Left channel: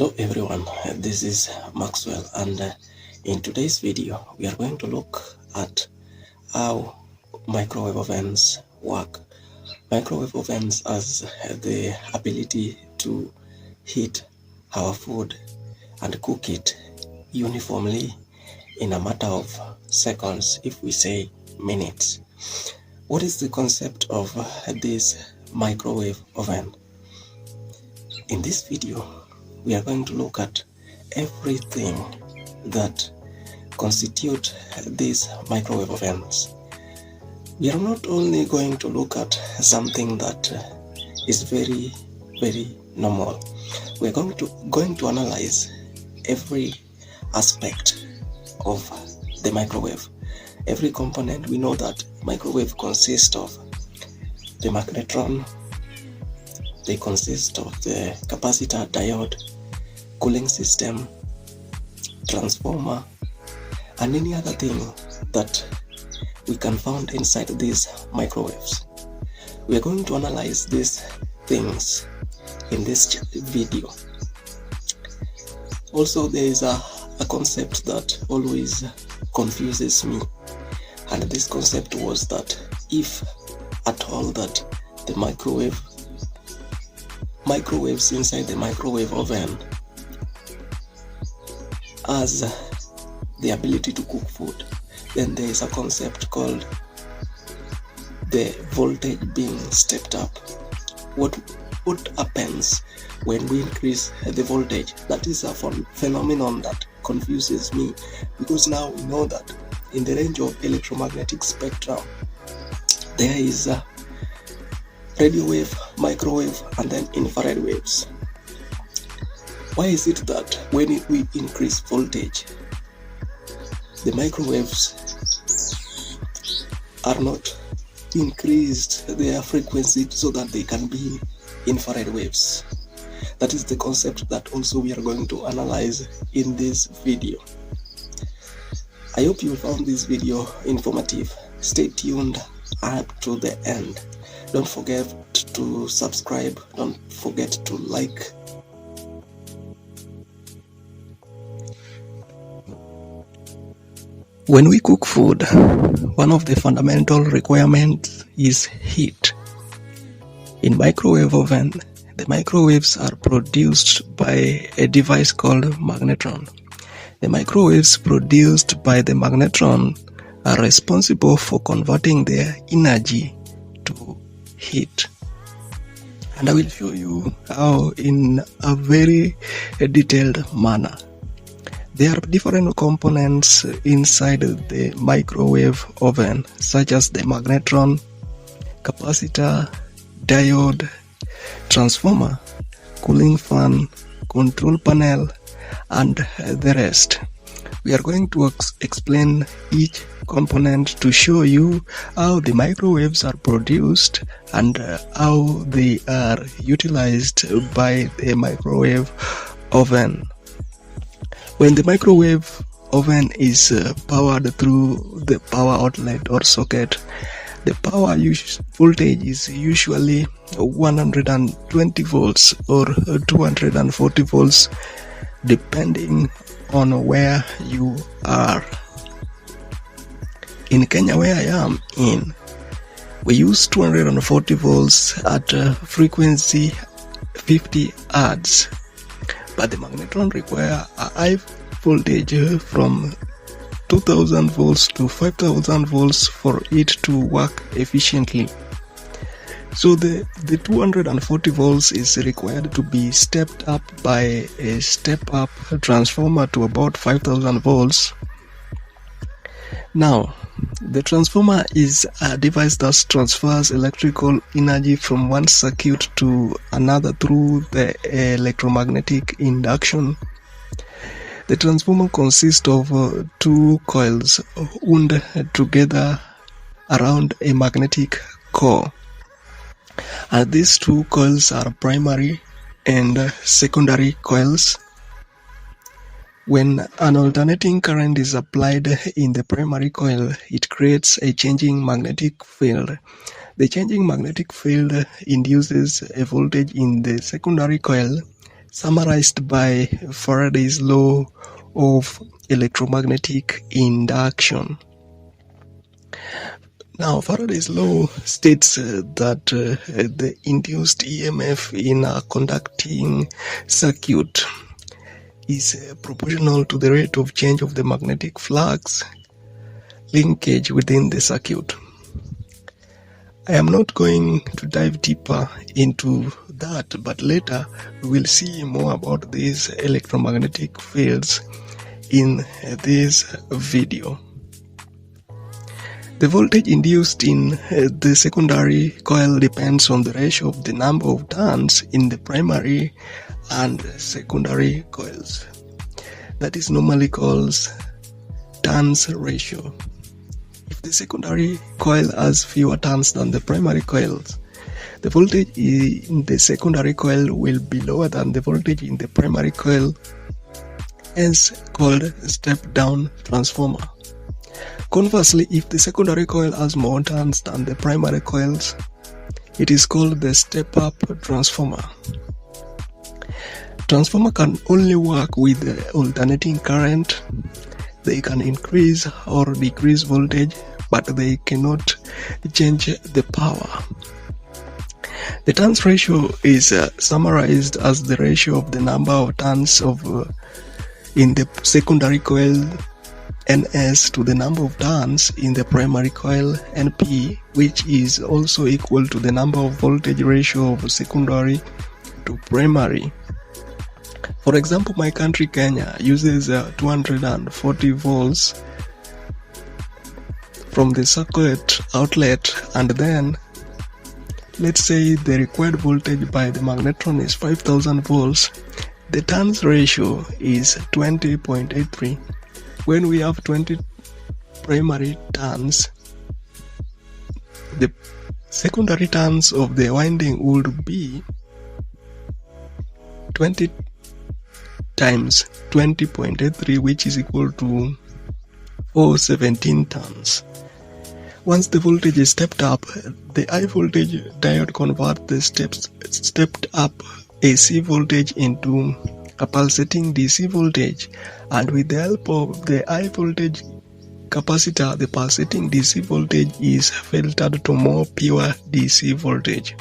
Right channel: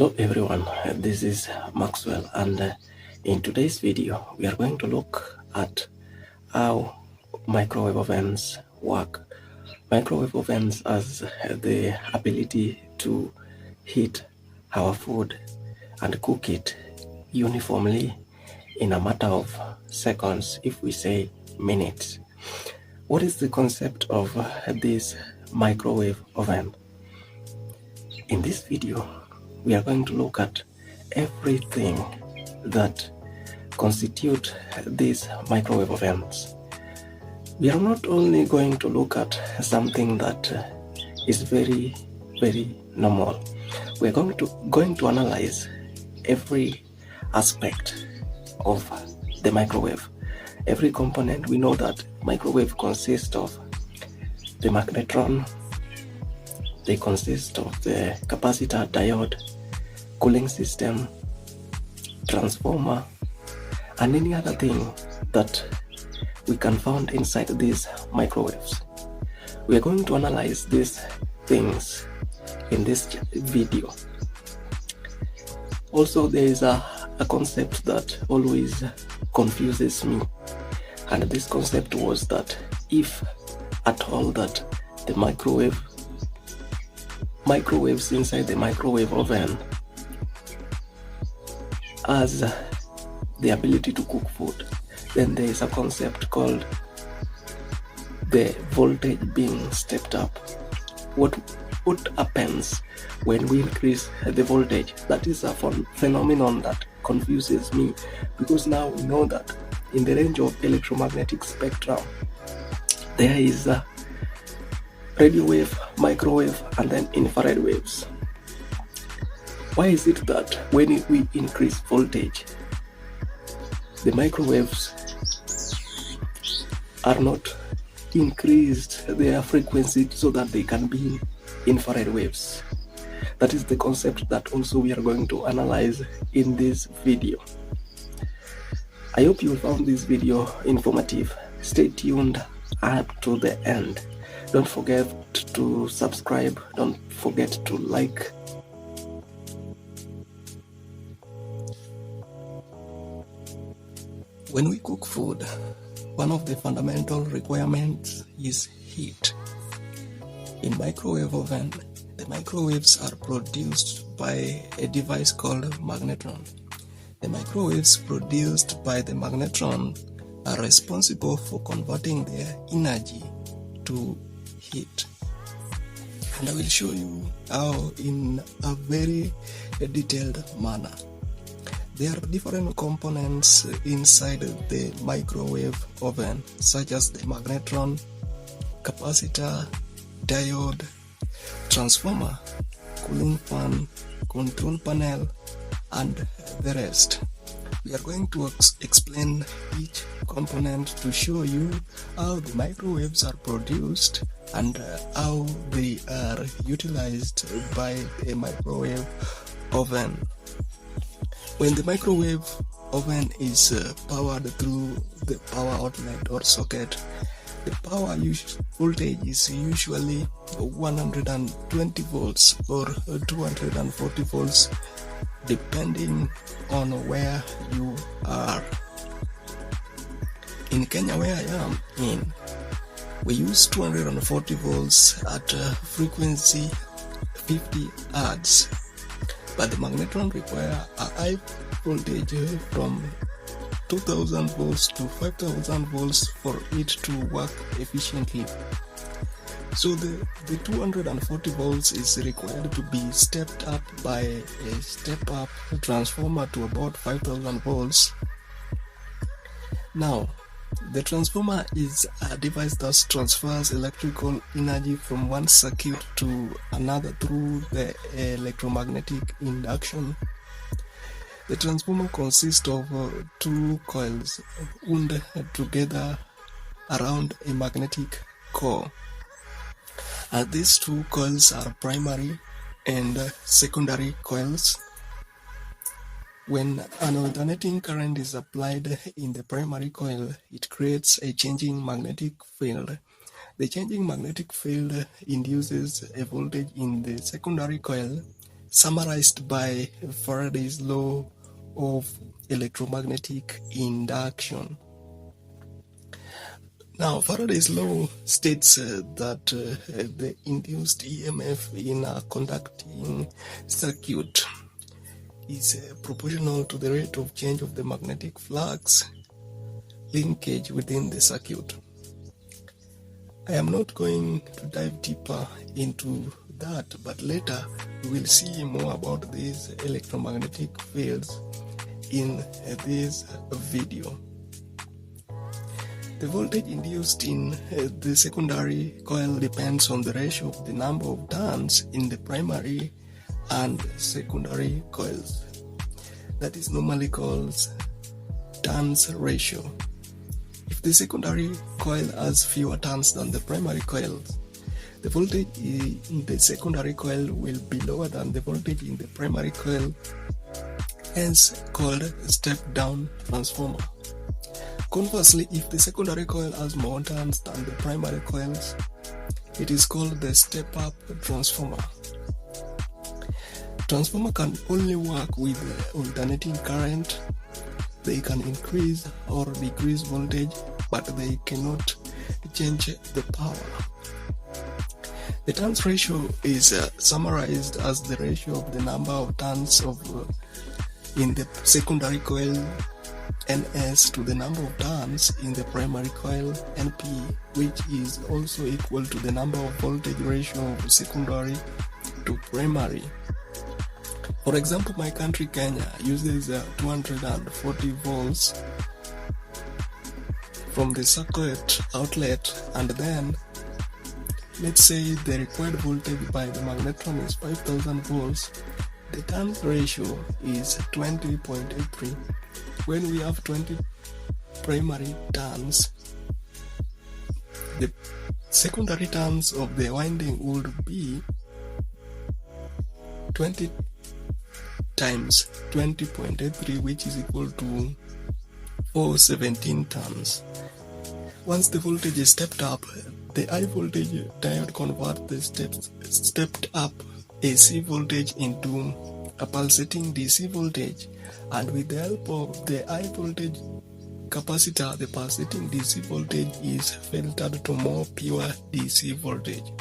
Hello everyone, this is Maxwell, and in today's video we are going to look at how microwave ovens work. Microwave ovens has the ability to heat our food and cook it uniformly in a matter of seconds, if we say minutes. What is the concept of this microwave oven? In this video, we are going to look at everything that constitute these microwave ovens. We are not only going to look at something that is very normal. We are going to analyze every aspect of the microwave, every component. We know that microwave consists of the magnetron. They consist of the capacitor, diode, cooling system, transformer, and any other thing that we can find inside these microwaves. We are going to analyze these things in this video. Also, there is a concept that always confuses me, and this concept was that if at all that the microwaves inside the microwave oven has the ability to cook food, then there is a concept called the voltage being stepped up. What happens when we increase the voltage? That is a phenomenon that confuses me, because now we know that in the range of electromagnetic spectrum there is a radio wave, microwave, and then infrared waves. Why is it that when we increase voltage, the microwaves are not increased their frequency so that they can be infrared waves? That is the concept that also we are going to analyze in this video. I hope you found this video informative. Stay tuned up to the end. Don't forget to subscribe, don't forget to like. When we cook food, one of the fundamental requirements is heat. In microwave oven, the microwaves are produced by a device called magnetron. The microwaves produced by the magnetron are responsible for converting their energy to heat, and I will show you how in a very detailed manner. There are different components inside the microwave oven, such as the magnetron, capacitor, diode, transformer, cooling fan, control panel, and the rest. We are going to explain each component to show you how the microwaves are produced and how they are utilized by the microwave oven. When the microwave oven is powered through the power outlet or socket, the power voltage is usually 120 volts or 240 volts, depending on where you are. In Kenya, where I am in, we use 240 volts at frequency 50 Hertz, but the magnetron require a high voltage from 2000 volts to 5000 volts for it to work efficiently. So the 240 volts is required to be stepped up by a step-up transformer to about 5000 volts. Now, the transformer is a device that transfers electrical energy from one circuit to another through the electromagnetic induction. The transformer consists of two coils wound together around a magnetic core. And these two coils are primary and secondary coils. When an alternating current is applied in the primary coil, it creates a changing magnetic field. The changing magnetic field induces a voltage in the secondary coil, summarized by Faraday's law of electromagnetic induction. Now, Faraday's law states that the induced EMF in a conducting circuit is proportional to the rate of change of the magnetic flux linkage within the circuit. I am not going to dive deeper into that, but later we will see more about these electromagnetic fields in this video. The voltage induced in the secondary coil depends on the ratio of the number of turns in the primary and secondary coils. That is normally called turns ratio. If the secondary coil has fewer turns than the primary coils, the voltage in the secondary coil will be lower than the voltage in the primary coil, hence called step-down transformer. Conversely, if the secondary coil has more turns than the primary coils, it is called the step-up transformer. Transformer can only work with alternating current. They can increase or decrease voltage, but they cannot change the power. The turns ratio is summarized as the ratio of the number of turns in the secondary coil Ns to the number of turns in the primary coil Np, which is also equal to the number of voltage ratio of secondary to primary. For example, my country Kenya uses 240 volts from the circuit outlet, and then let's say the required voltage by the magnetron is 5000 volts. The turns ratio is 20.83. When we have 20 primary turns, the secondary turns of the winding would be 20 times 20.83, which is equal to 417 turns. Once the voltage is stepped up, the high voltage diode converts the stepped up AC voltage into a pulsating DC voltage, and with the help of the high voltage capacitor, the pulsating DC voltage is filtered to more pure DC voltage.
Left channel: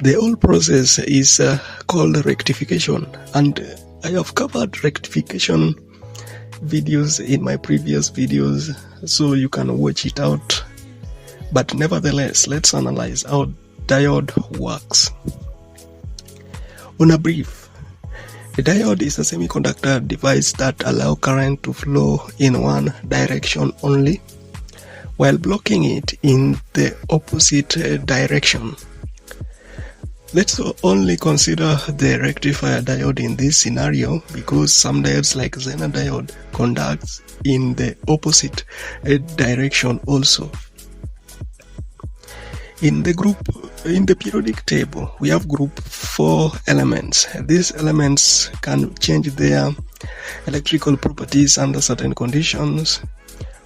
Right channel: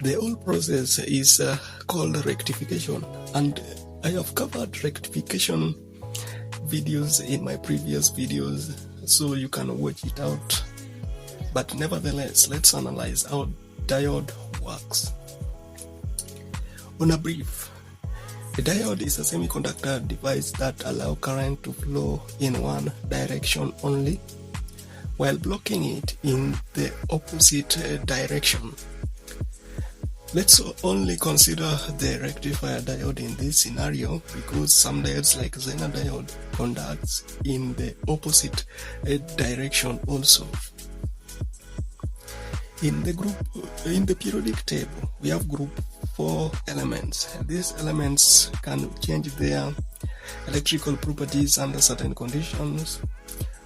The whole process is called rectification, and I have covered rectification videos in my previous videos, so you can watch it out. But nevertheless, let's analyze how diode works. On a brief, a diode is a semiconductor device that allows current to flow in one direction only, while blocking it in the opposite direction. Let's only consider the rectifier diode in this scenario, because some diodes like Zener diode conducts in the opposite direction also. In the periodic table, we have group 4 elements. These elements can change their electrical properties under certain conditions.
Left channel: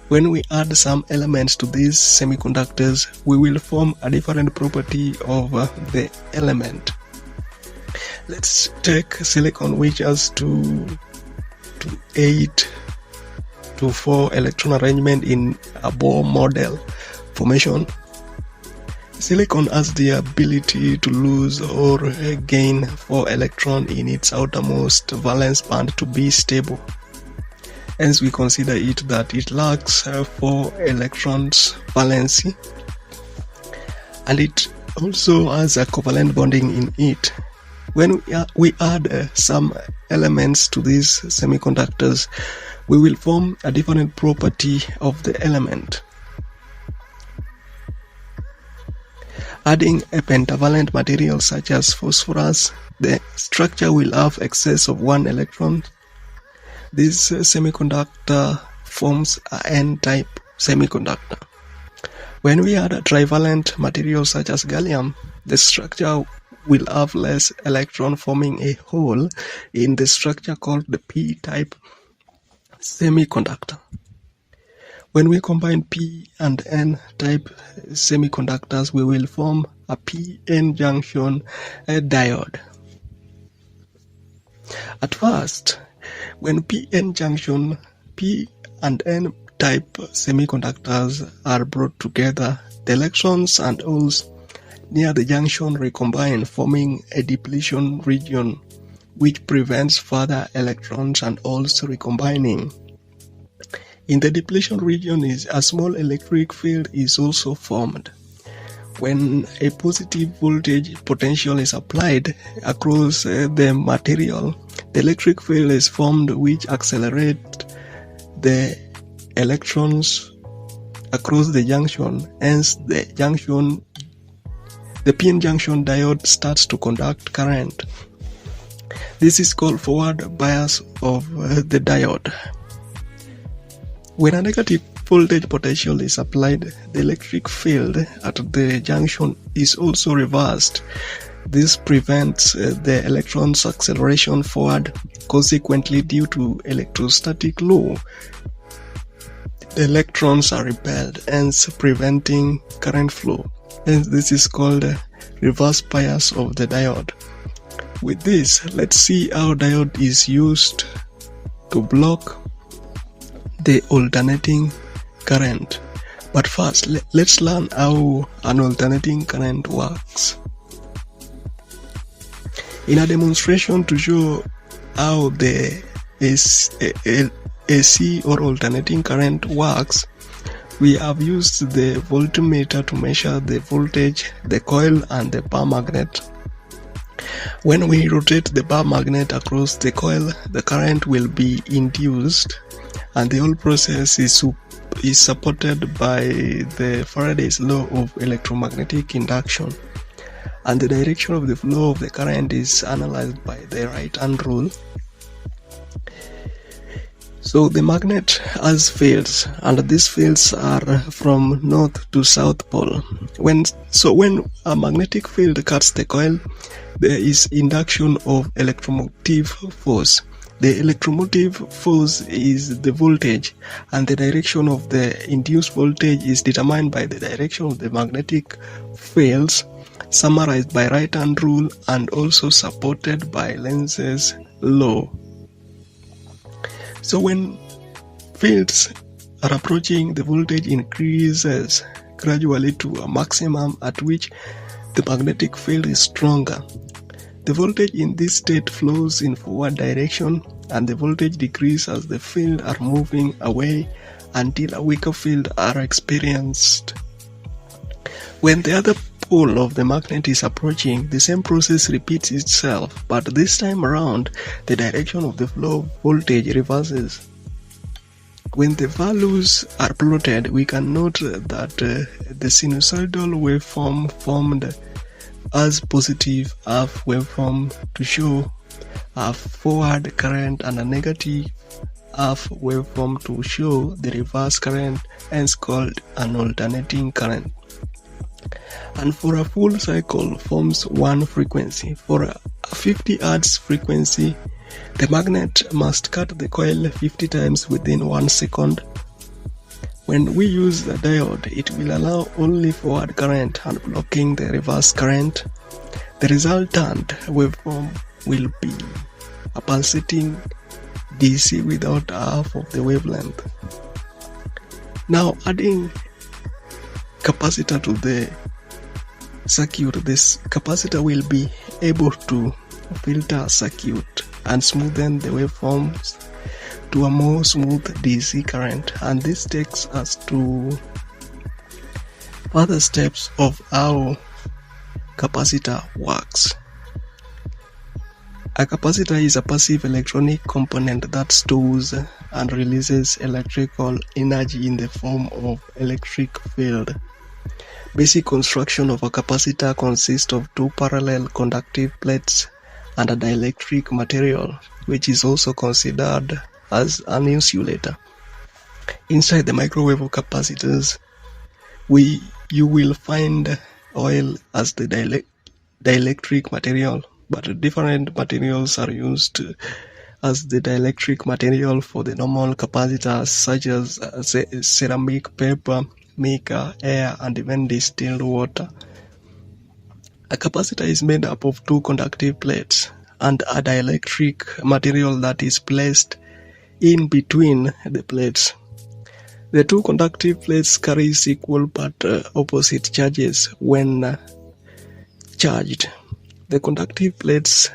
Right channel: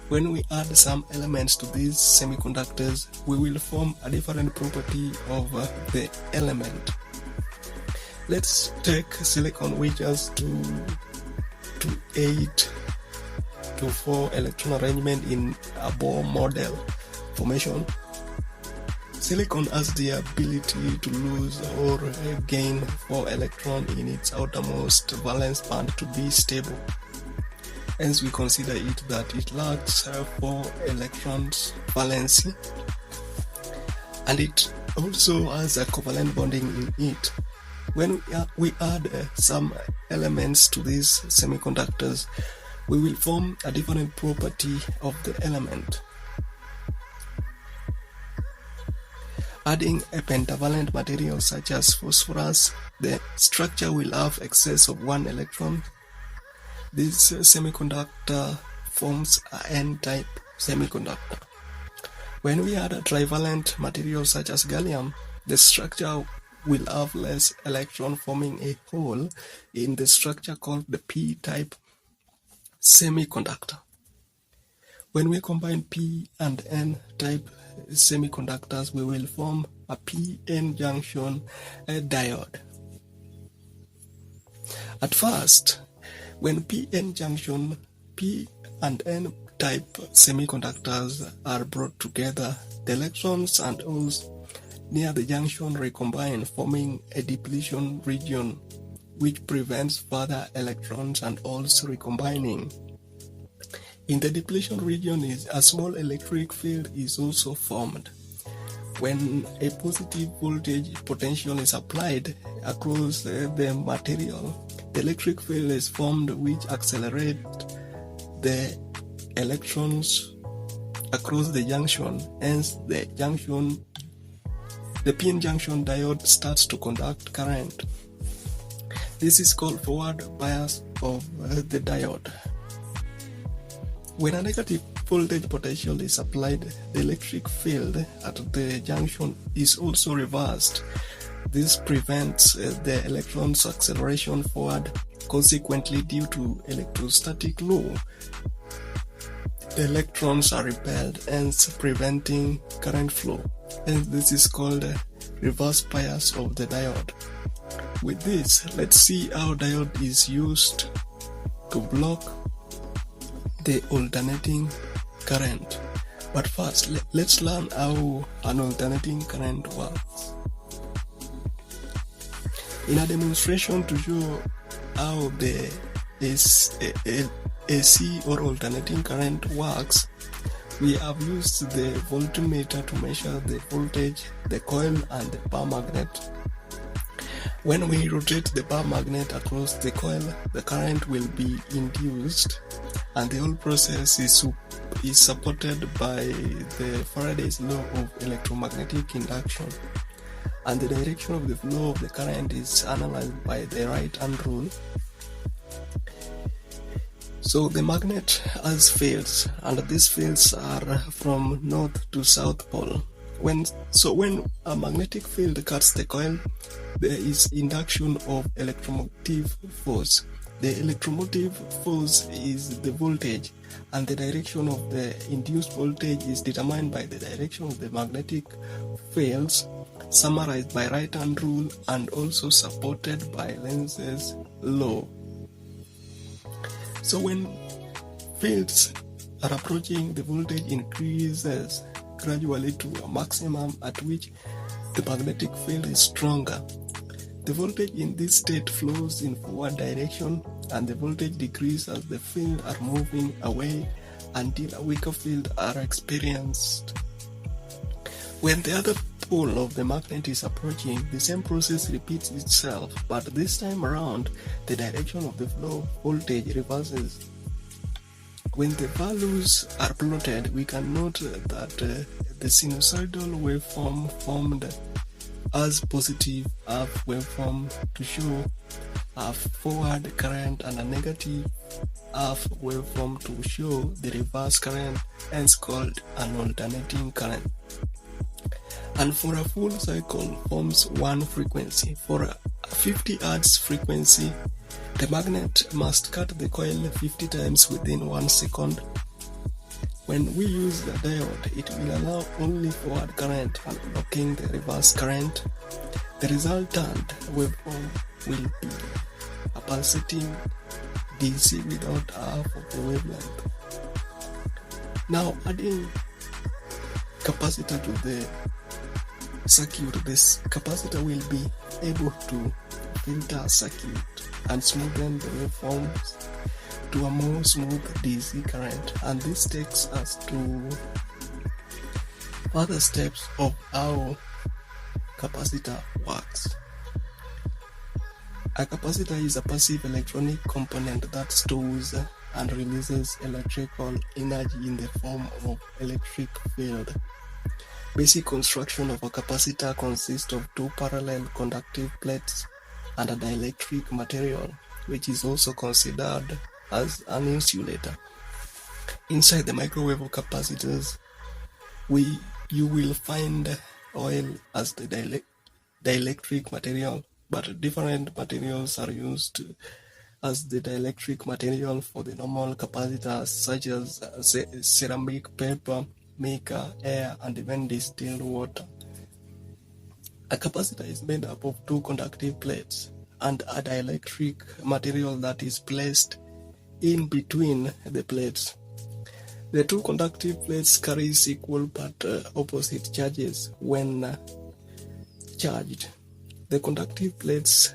When we add some elements to these semiconductors, we will form a different property of the element. Let's take silicon, which has 2 to 8 to 4 electron arrangement in a Bohr model formation. Silicon has the ability to lose or gain 4 electrons in its outermost valence band to be stable. Hence, we consider it that it lacks 4 electrons valency, and it also has a covalent bonding in it. When we add some elements to these semiconductors, we will form a different property of the element. Adding a pentavalent material such as phosphorus, the structure will have excess of 1 electron. This semiconductor forms an N-type semiconductor. When we add a trivalent material such as gallium, the structure will have less electron, forming a hole in the structure called the P-type semiconductor. When we combine P and N-type semiconductors, we will form a PN junction diode. At first, when P-N and N type semiconductors are brought together, the electrons and holes near the junction recombine, forming a depletion region which prevents further electrons and holes recombining. In the depletion region, a small electric field is also formed. When a positive voltage potential is applied across the material, the electric field is formed which accelerates the electrons across the junction. Hence, the PN junction diode starts to conduct current. This is called forward bias of the diode. When a negative voltage potential is applied, the electric field at the junction is also reversed. This prevents the electron's acceleration forward. Consequently, due to electrostatic law, the electrons are repelled, hence preventing current flow. Hence, this is called reverse bias of the diode. With this, let's see how diode is used to block the alternating current. But first, let's learn how an alternating current works. In a demonstration to show how the AC or alternating current works, we have used the voltmeter to measure the voltage, the coil, and the bar magnet. When we rotate the bar magnet across the coil, the current will be induced, and the whole process is supported by the Faraday's law of electromagnetic induction, and the direction of the flow of the current is analyzed by the right-hand rule. So the magnet has fields, and these fields are from north to south pole. When a magnetic field cuts the coil, there is induction of electromotive force. The electromotive force is the voltage, and the direction of the induced voltage is determined by the direction of the magnetic fields, summarized by right-hand rule and also supported by Lenz's law. So when fields are approaching, the voltage increases gradually to a maximum at which the magnetic field is stronger. The voltage in this state flows in forward direction, and the voltage decreases as the field are moving away until a weaker field are experienced. When the other pole of the magnet is approaching, the same process repeats itself, but this time around, the direction of the flow of voltage reverses. When the values are plotted, we can note that the sinusoidal waveform formed as positive half waveform to show a forward current, and a negative half waveform to show the reverse current, hence called an alternating current. And for a full cycle forms one frequency. For a 50 Hz frequency, the magnet must cut the coil 50 times within 1 second. When we use the diode, it will allow only forward current and blocking the reverse current. The resultant waveform will be a pulsating DC without half of the wavelength. Now, adding capacitor to the circuit, this capacitor will be able to filter circuit and smoothen the waveforms to a more smooth DC current, and this takes us to further steps of how capacitor works. A capacitor is a passive electronic component that stores and releases electrical energy in the form of electric field. Basic construction of a capacitor consists of two parallel conductive plates and a dielectric material, which is also considered as an insulator. Inside the microwave of capacitors, you will find oil as the dielectric material, but different materials are used as the dielectric material for the normal capacitors, such as ceramic, paper, mica, air, and even distilled water. A capacitor is made up of two conductive plates, and a dielectric material that is placed in between the plates. The two conductive plates carry equal but opposite charges when charged. The conductive plates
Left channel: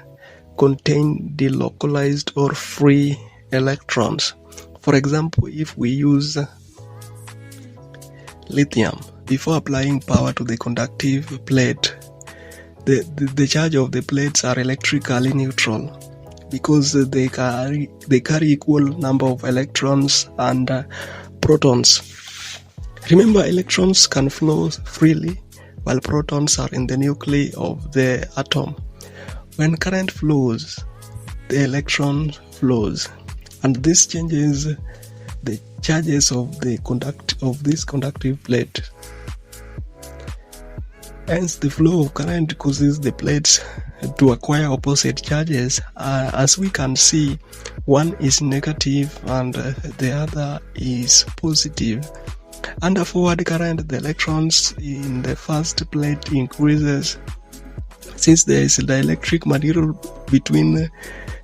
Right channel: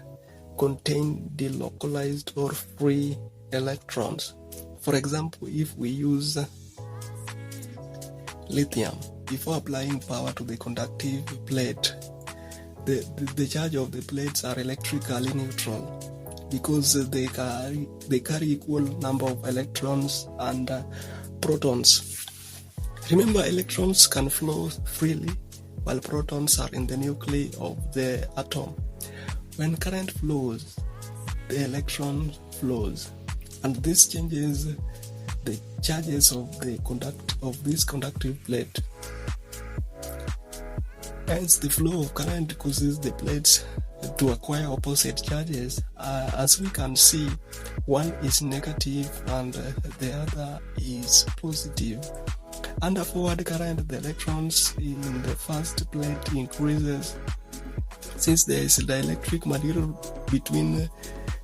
contain delocalized or free electrons. For example, if we use lithium, before applying power to the conductive plate, the charge of the plates are electrically neutral because they carry equal number of electrons and protons. Remember, electrons can flow freely while protons are in the nuclei of the atom. When current flows, the electron flows, and this changes the charges of this conductive plate. Hence, the flow of current causes the plates to acquire opposite charges. As we can see, one is negative and the other is positive. Under forward current, the electrons in the first plate increases. Since there is a dielectric material between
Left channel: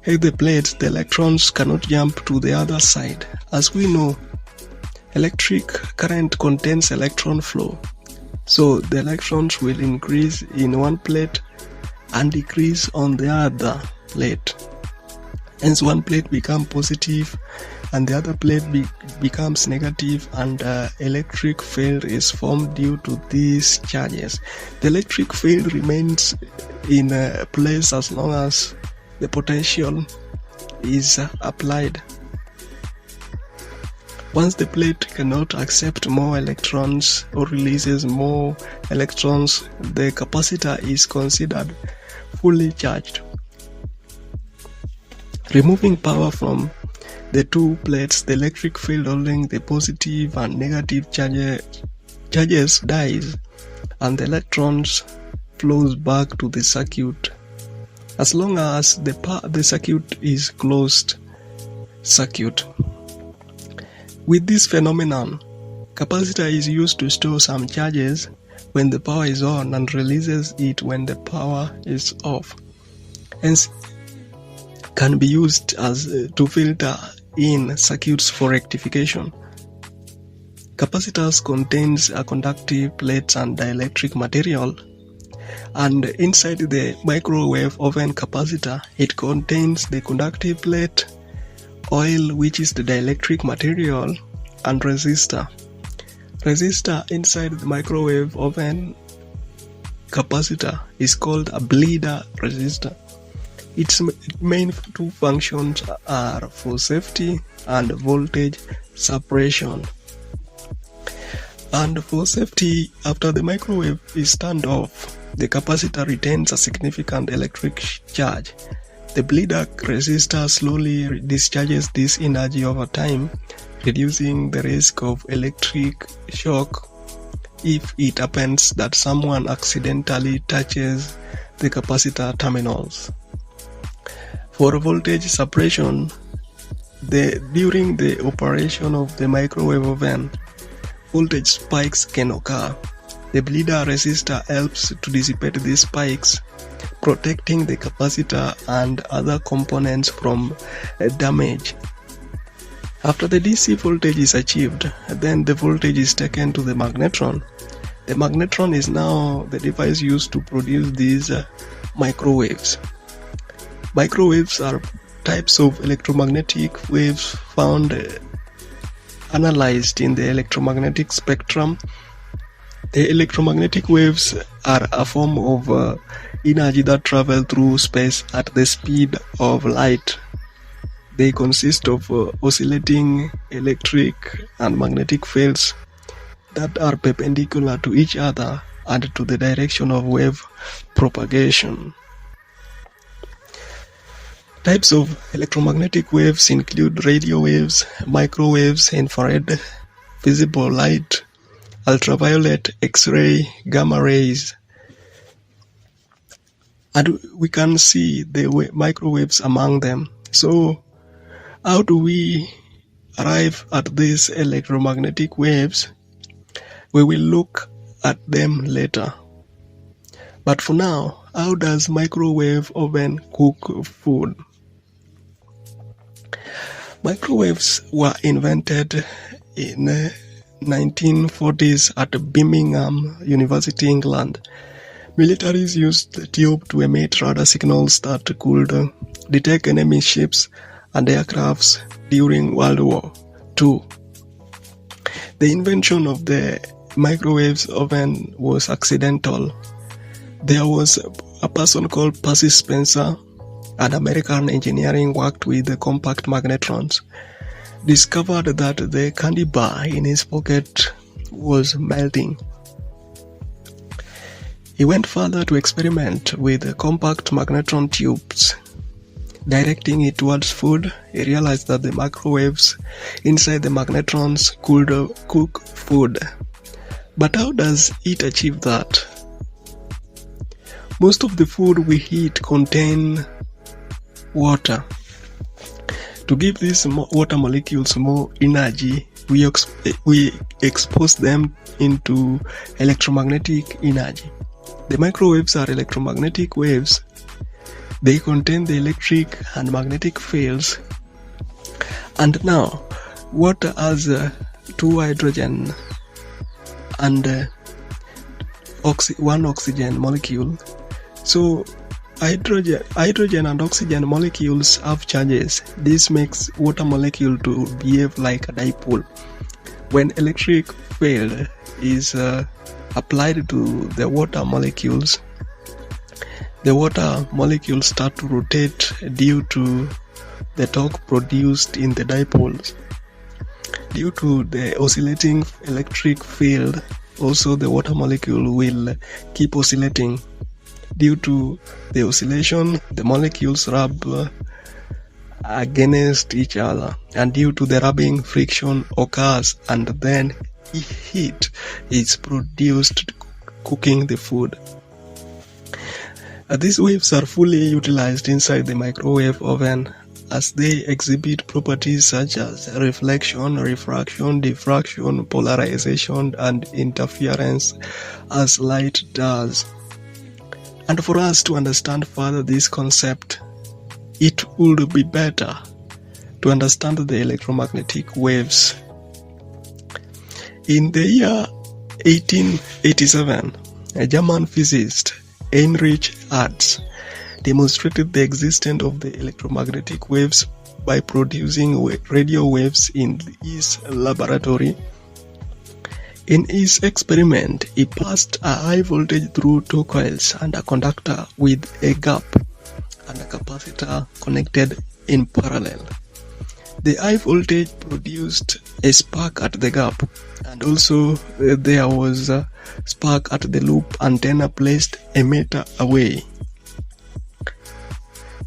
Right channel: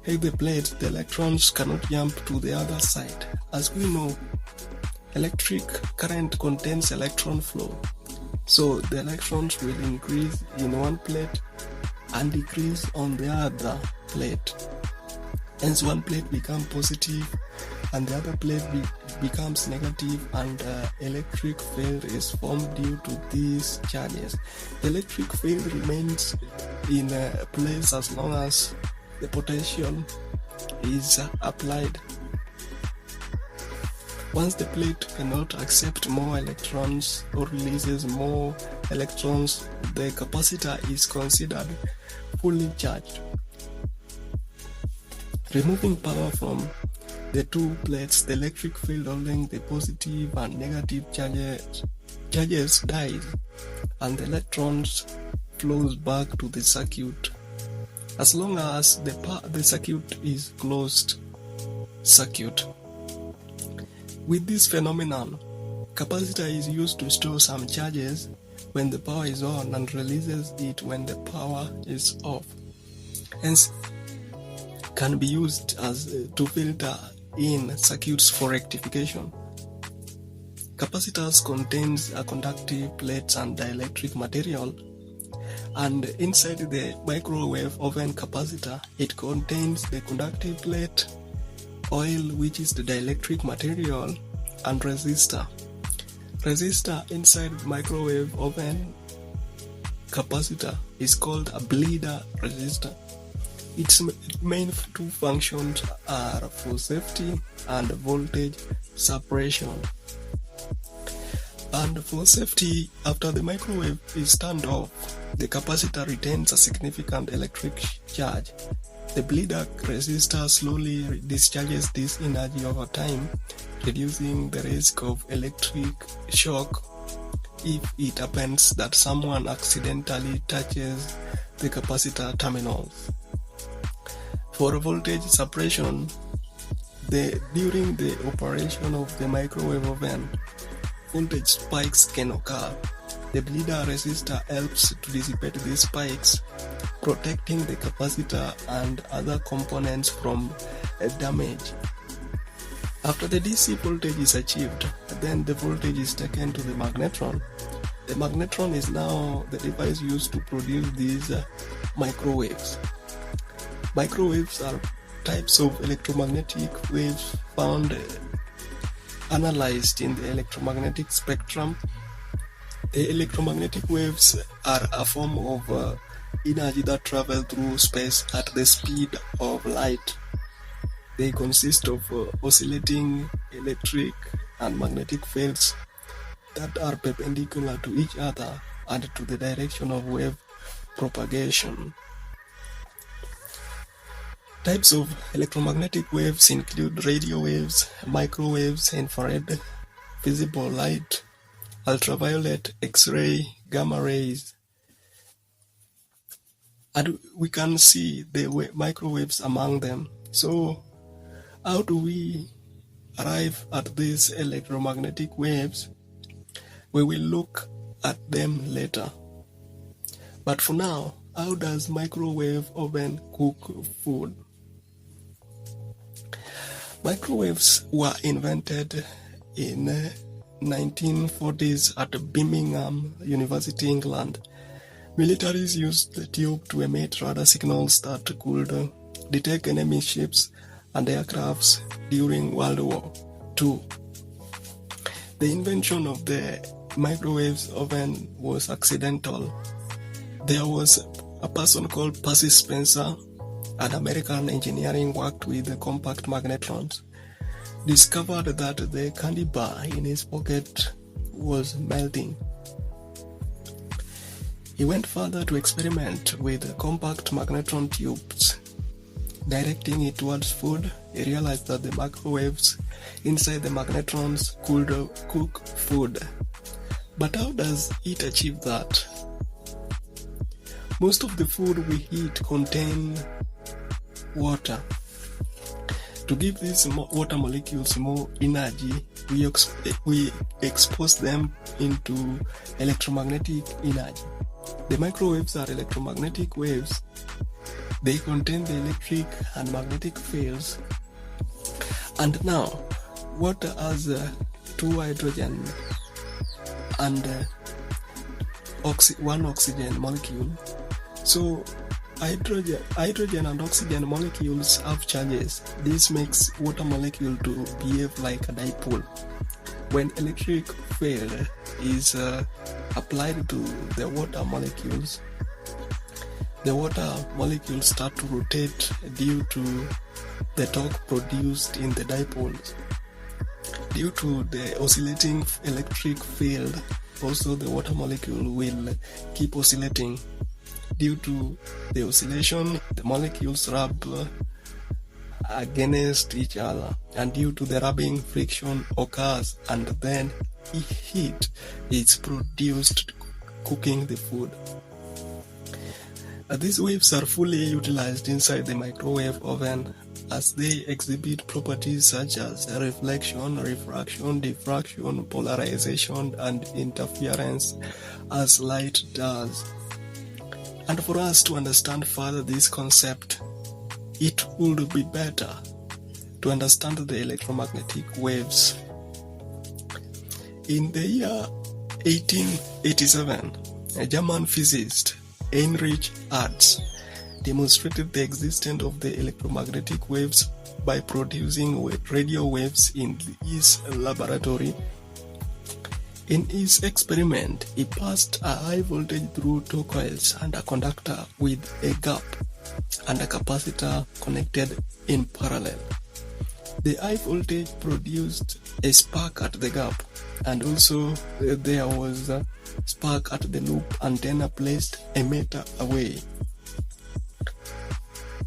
the plates, the electrons cannot jump to the other side. As we know, electric current contains electron flow. So the electrons will increase in one plate and decrease on the other plate. Hence, one plate becomes positive and the other plate becomes negative, and electric field is formed due to these charges. The electric field remains in place as long as the potential is applied. Once the plate cannot accept more electrons or releases more electrons, the capacitor is considered fully charged. Removing power from the two plates, the electric field holding the positive and negative charges dies, and the electrons flows back to the circuit. As long as the circuit is closed circuit. With this phenomenon, capacitor is used to store some charges when the power is on and releases it when the power is off. Hence, can be used as to filter in circuits for rectification. Capacitors contains a conductive plates and dielectric material, and inside the microwave oven capacitor, it contains the conductive plate, oil, which is the dielectric material, and resistor. Resistor inside the microwave oven capacitor is called a bleeder resistor. Its main two functions are for safety and voltage suppression. And for safety, after the microwave is turned off, the capacitor retains a significant electric charge. The bleeder resistor slowly discharges this energy over time, reducing the risk of electric shock if it happens that someone accidentally touches the capacitor terminals. For voltage suppression, during the operation of the microwave oven, voltage spikes can occur. The bleeder resistor helps to dissipate these spikes, protecting the capacitor and other components from damage. After the DC voltage is achieved, then the voltage is taken to the magnetron. The magnetron is now the device used to produce these microwaves. Microwaves are types of electromagnetic waves found analyzed in the electromagnetic spectrum. The electromagnetic waves are a form of energy that travel through space at the speed of light. They consist of oscillating electric and magnetic fields that are perpendicular to each other and to the direction of wave propagation. Types of electromagnetic waves include radio waves, microwaves, infrared, visible light, ultraviolet, X-ray, gamma rays. And we can see the microwaves among them. So, how do we arrive at these electromagnetic waves? We will look at them later. But for now, how does microwave oven cook food? Microwaves were invented in 1940s at Birmingham University, England. Militaries used the tube to emit radar signals that could detect enemy ships and aircrafts during World War II. The invention of the microwave oven was accidental. There was a person called Percy Spencer, an American engineer who worked with the compact magnetrons, discovered that the candy bar in his pocket was melting. He went further to experiment with the compact magnetron tubes. Directing it towards food, he realized that the microwaves inside the magnetrons could cook food. But how does it achieve that? Most of the food we eat contain water. To give these water molecules more energy, we expose them into electromagnetic energy. The microwaves are electromagnetic waves. They contain the electric and magnetic fields. And now, water has 2 hydrogen and 1 oxygen molecule. So hydrogen and oxygen molecules have charges. This makes water molecule to behave like a dipole. When electric field is applied to the water molecules start to rotate due to the torque produced in the dipoles. Due to the oscillating electric field, also the water molecule will keep oscillating. Due to the oscillation, the molecules rub against each other, and due to the rubbing, friction occurs, and then heat is produced cooking the food. These waves are fully utilized inside the microwave oven as they exhibit properties such as reflection, refraction, diffraction, polarization, and interference as light does. And for us to understand further this concept, it would be better to understand the electromagnetic waves. In the year 1887, a German physicist, Heinrich Hertz, demonstrated the existence of the electromagnetic waves by producing radio waves in his laboratory. In his experiment, he passed a high voltage through 2 coils and a conductor with a gap and a capacitor connected in parallel. The high voltage produced a spark at the gap, and also there was a spark at the loop antenna placed a meter away.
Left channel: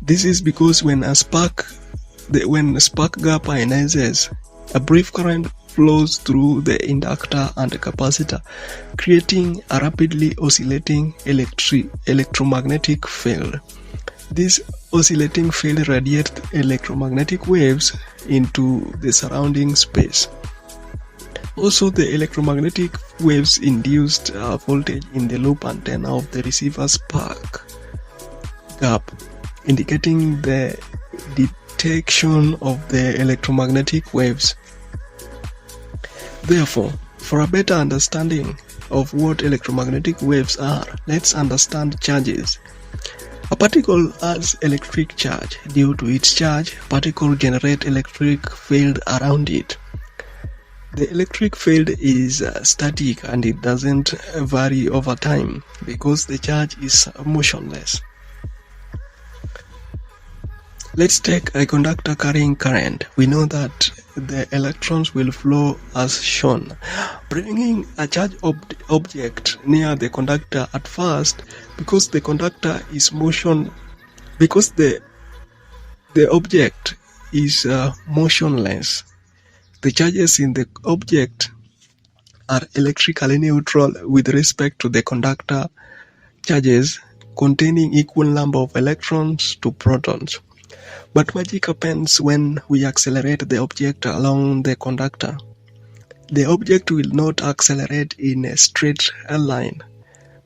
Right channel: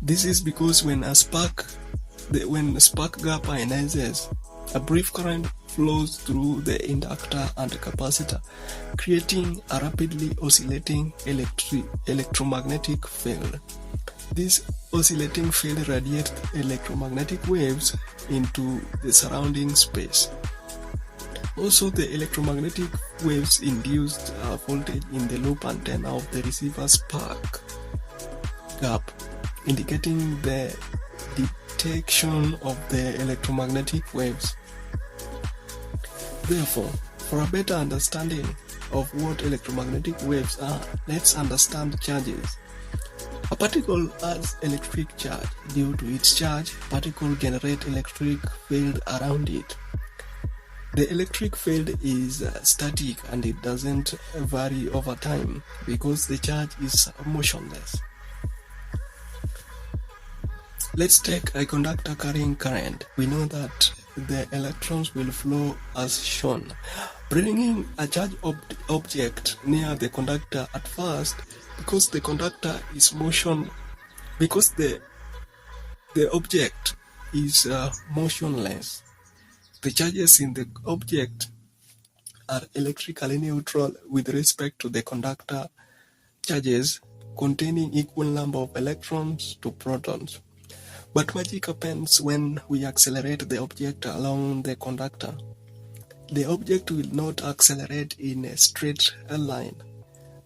This is because when the spark gap ionizes, a brief current flows through the inductor and the capacitor, creating a rapidly oscillating electromagnetic field. This oscillating field radiates electromagnetic waves into the surrounding space. Also, the electromagnetic waves induced a voltage in the loop antenna of the receiver spark gap, indicating the detection of the electromagnetic waves. Therefore, for a better understanding of what electromagnetic waves are, let's understand charges. A particle has electric charge. Due to its charge, particle generates electric field around it. The electric field is static and it doesn't vary over time because the charge is motionless. Let's take a conductor carrying current. We know that the electrons will flow as shown. Bringing a charged object near the conductor at first, because the conductor is motion, because the object is motionless, the charges in the object are electrically neutral with respect to the conductor charges containing equal number of electrons to protons. But magic happens when we accelerate the object along the conductor. The object will not accelerate in a straight line.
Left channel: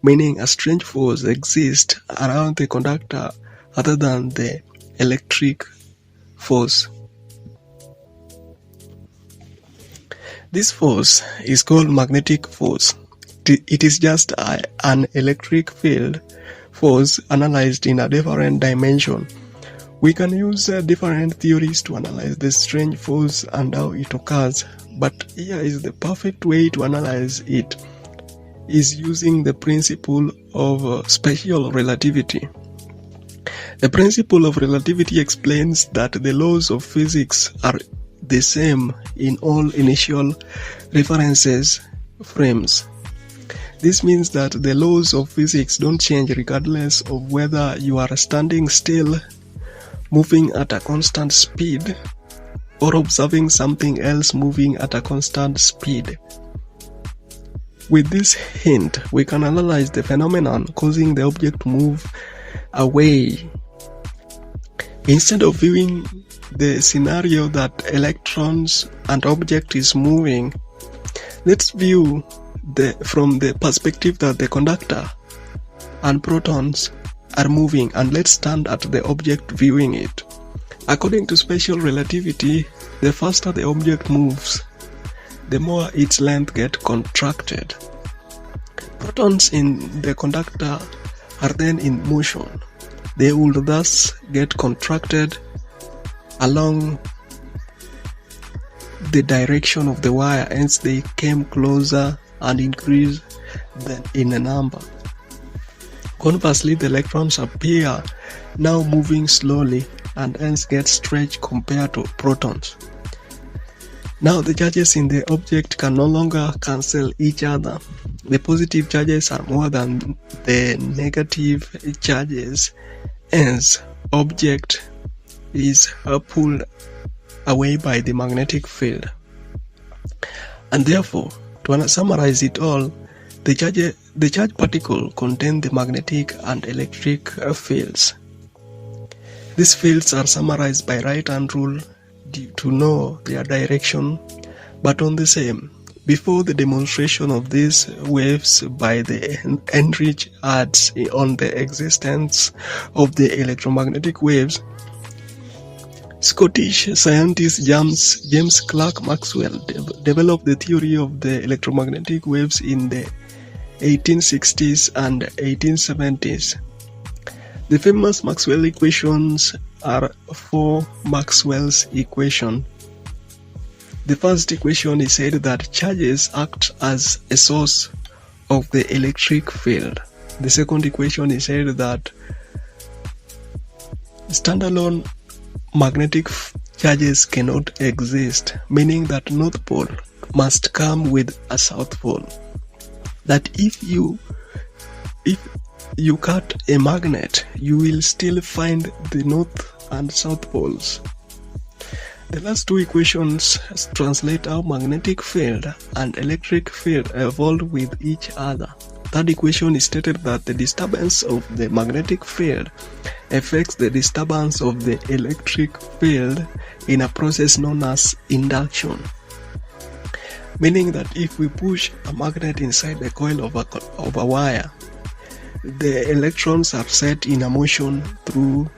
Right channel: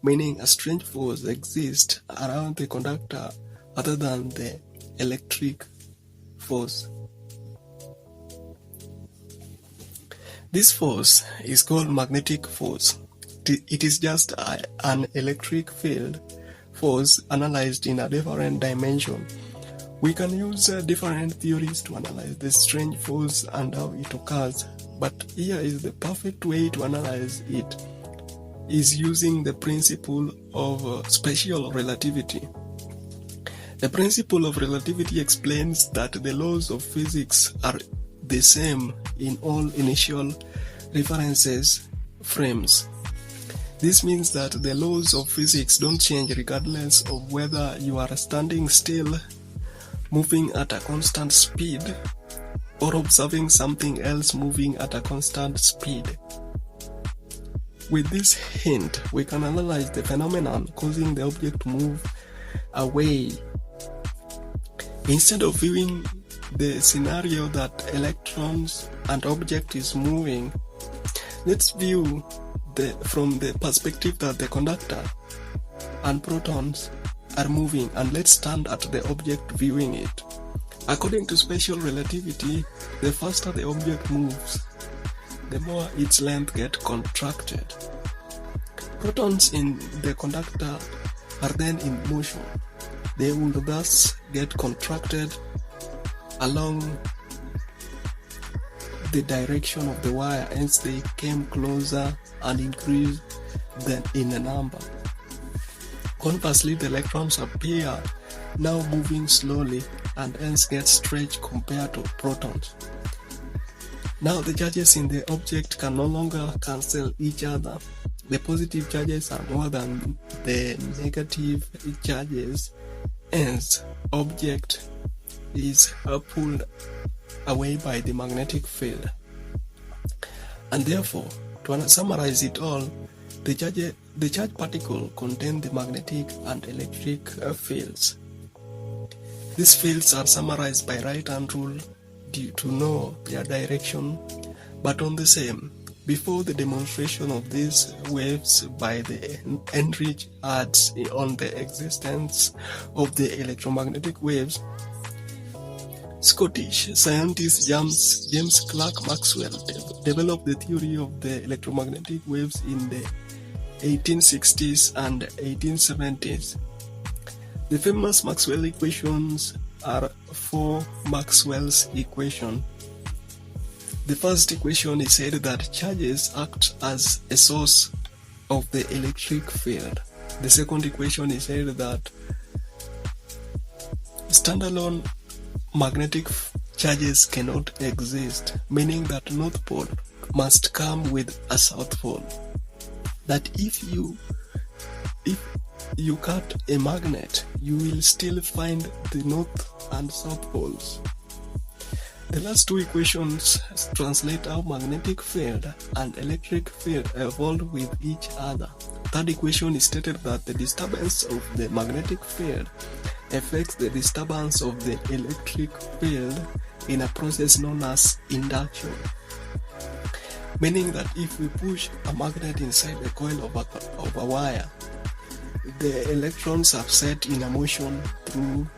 meaning a strange force exists around the conductor other than the electric force. This force is called magnetic force. It is just an electric field force analyzed in a different dimension. We can use different theories to analyze the strange force and how it occurs, but here is the perfect way to analyze it, is using the principle of special relativity. The principle of relativity explains that the laws of physics are the same in all initial references frames. This means that the laws of physics don't change regardless of whether you are standing still, moving at a constant speed, or observing something else moving at a constant speed. With this hint, we can analyze the phenomenon causing the object to move away. Instead of viewing the scenario that electrons and object is moving, let's view from the perspective that the conductor and protons are moving, and let's stand at the object viewing it. According to special relativity, the faster the object moves, the more its length gets contracted. Protons in the conductor are then in motion. They would thus get contracted along the direction of the wire, hence they came closer and increased in a number. Conversely, the electrons appear now moving slowly and hence get stretched compared to protons. Now the charges in the object can no longer cancel each other. The positive charges are more than the negative charges, hence object is pulled away by the magnetic field. And therefore, to summarize it all, the charge particle contain the magnetic and electric fields. These fields are summarized by right-hand rule to know their direction, but on the same. Before the demonstration of these waves by the Heinrich adds on the existence of the electromagnetic waves, Scottish scientist James Clerk Maxwell developed the theory of the electromagnetic waves in the 1860s and 1870s. The famous Maxwell equations are four Maxwell's equations. The first equation is said that charges act as a source of the electric field. The second equation is said that standalone magnetic charges cannot exist, meaning that North Pole must come with a South Pole. That if you cut a magnet, you will still find the North and South Poles. The last two equations translate how magnetic field and electric field evolve with each other. Third equation is stated that the disturbance of the magnetic field affects the disturbance of the electric field in a process known as induction. Meaning that if we push a magnet inside the coil of a wire, the electrons are set in a motion through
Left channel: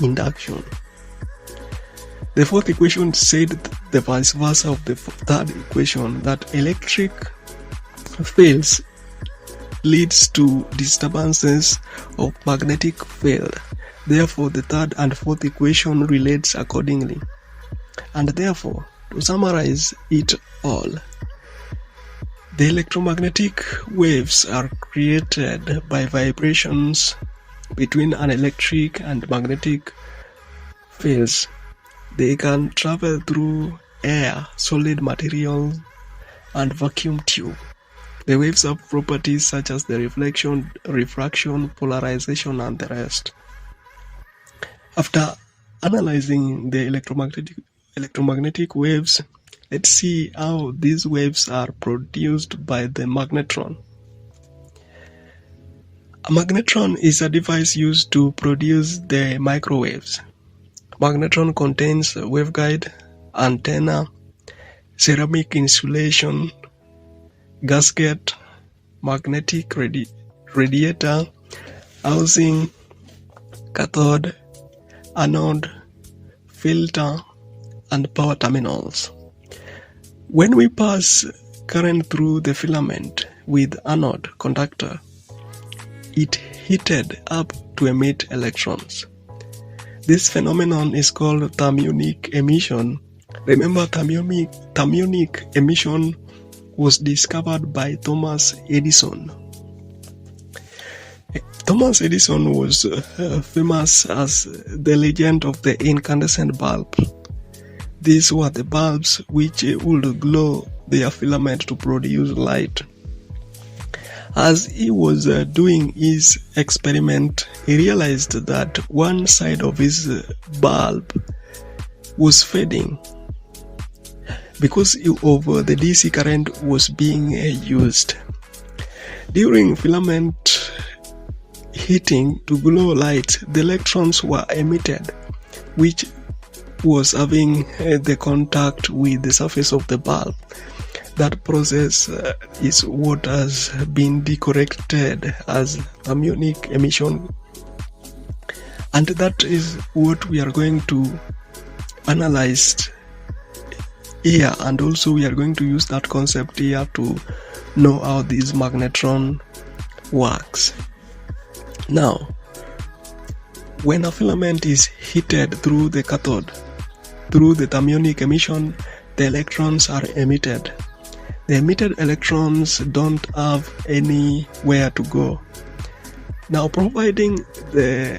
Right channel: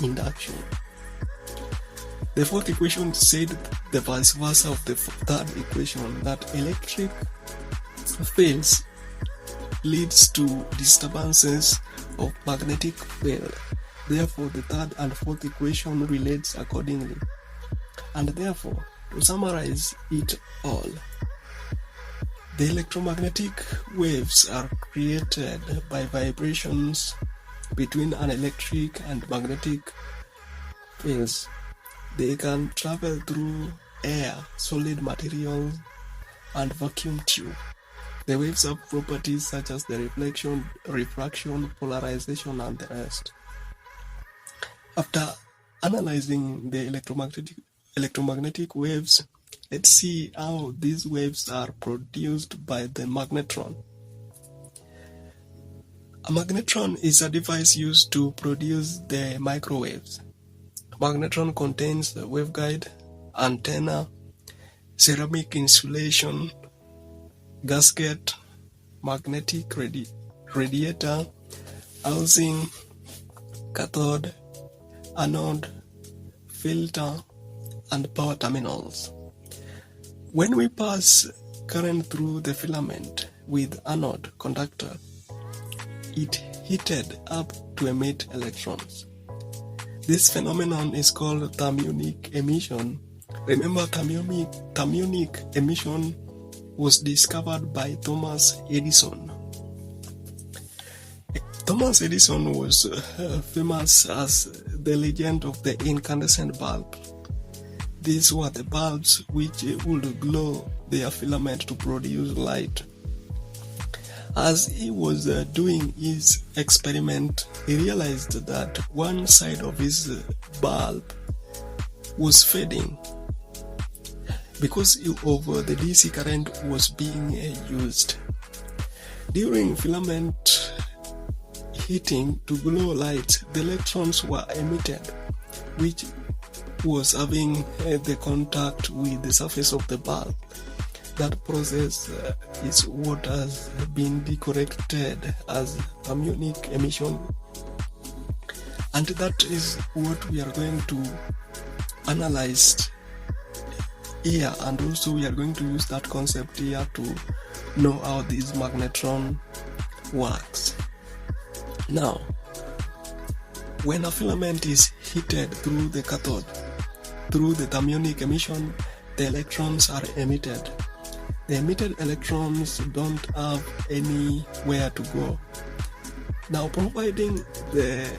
induction. The fourth equation said the vice versa of the third equation, that electric fields leads to disturbances of magnetic field. Therefore, the third and fourth equation relates accordingly. And therefore, to summarize it all, the electromagnetic waves are created by vibrations between an electric and magnetic fields. They can travel through air, solid material, and vacuum tube. The waves have properties such as the reflection, refraction, polarization, and the rest. After analyzing the electromagnetic waves, let's see how these waves are produced by the magnetron. A magnetron is a device used to produce the microwaves. Magnetron contains a waveguide, antenna, ceramic insulation, gasket, magnetic radiator, housing, cathode, anode, filter, and power terminals. When we pass current through the filament with anode conductor, it heated up to emit electrons. This phenomenon is called thermionic emission. Remember, thermionic emission was discovered by Thomas Edison. Thomas Edison was famous as the legend of the incandescent bulb. These were the bulbs which would glow their filament to produce light. As he was doing his experiment, he realized that one side of his bulb was fading because of the DC current was being used. During filament heating to glow light, the electrons were emitted, which was having the contact with the surface of the bulb. That process is what has been decorrected as thermionic emission, and that is what we are going to analyze here, and also we are going to use that concept here to know how this magnetron works. Now, when a filament is heated through the cathode, through the thermionic emission, the electrons are emitted. The emitted electrons don't have anywhere to go. Now, providing the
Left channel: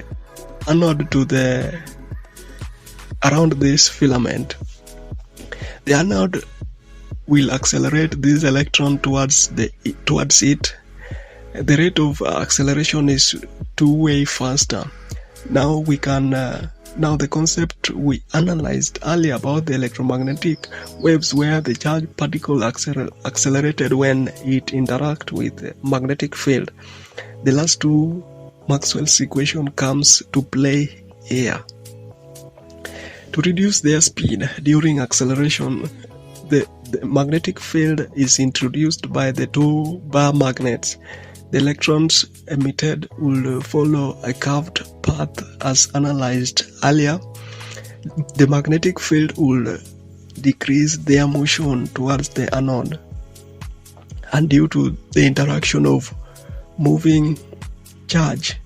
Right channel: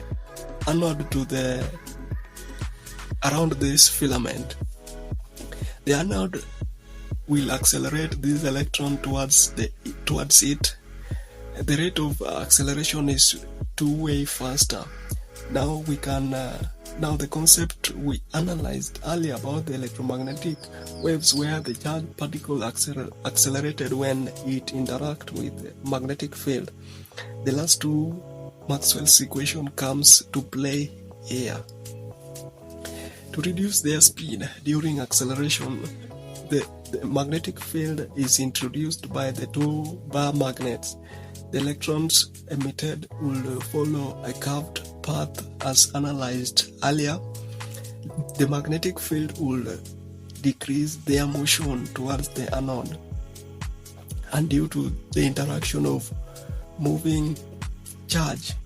anode to around this filament, the anode will accelerate this electron towards it. The rate of acceleration is two-way faster. Now we can now the concept we analyzed earlier about the electromagnetic waves, where the charged particle accelerated when it interacts with the magnetic field. The last two Maxwell's equation comes to play here. To reduce their speed during acceleration, the magnetic field is introduced by the two bar magnets. The electrons emitted will follow a curved path as analyzed earlier. The magnetic field will decrease their motion towards the anode, and due to the interaction of moving charge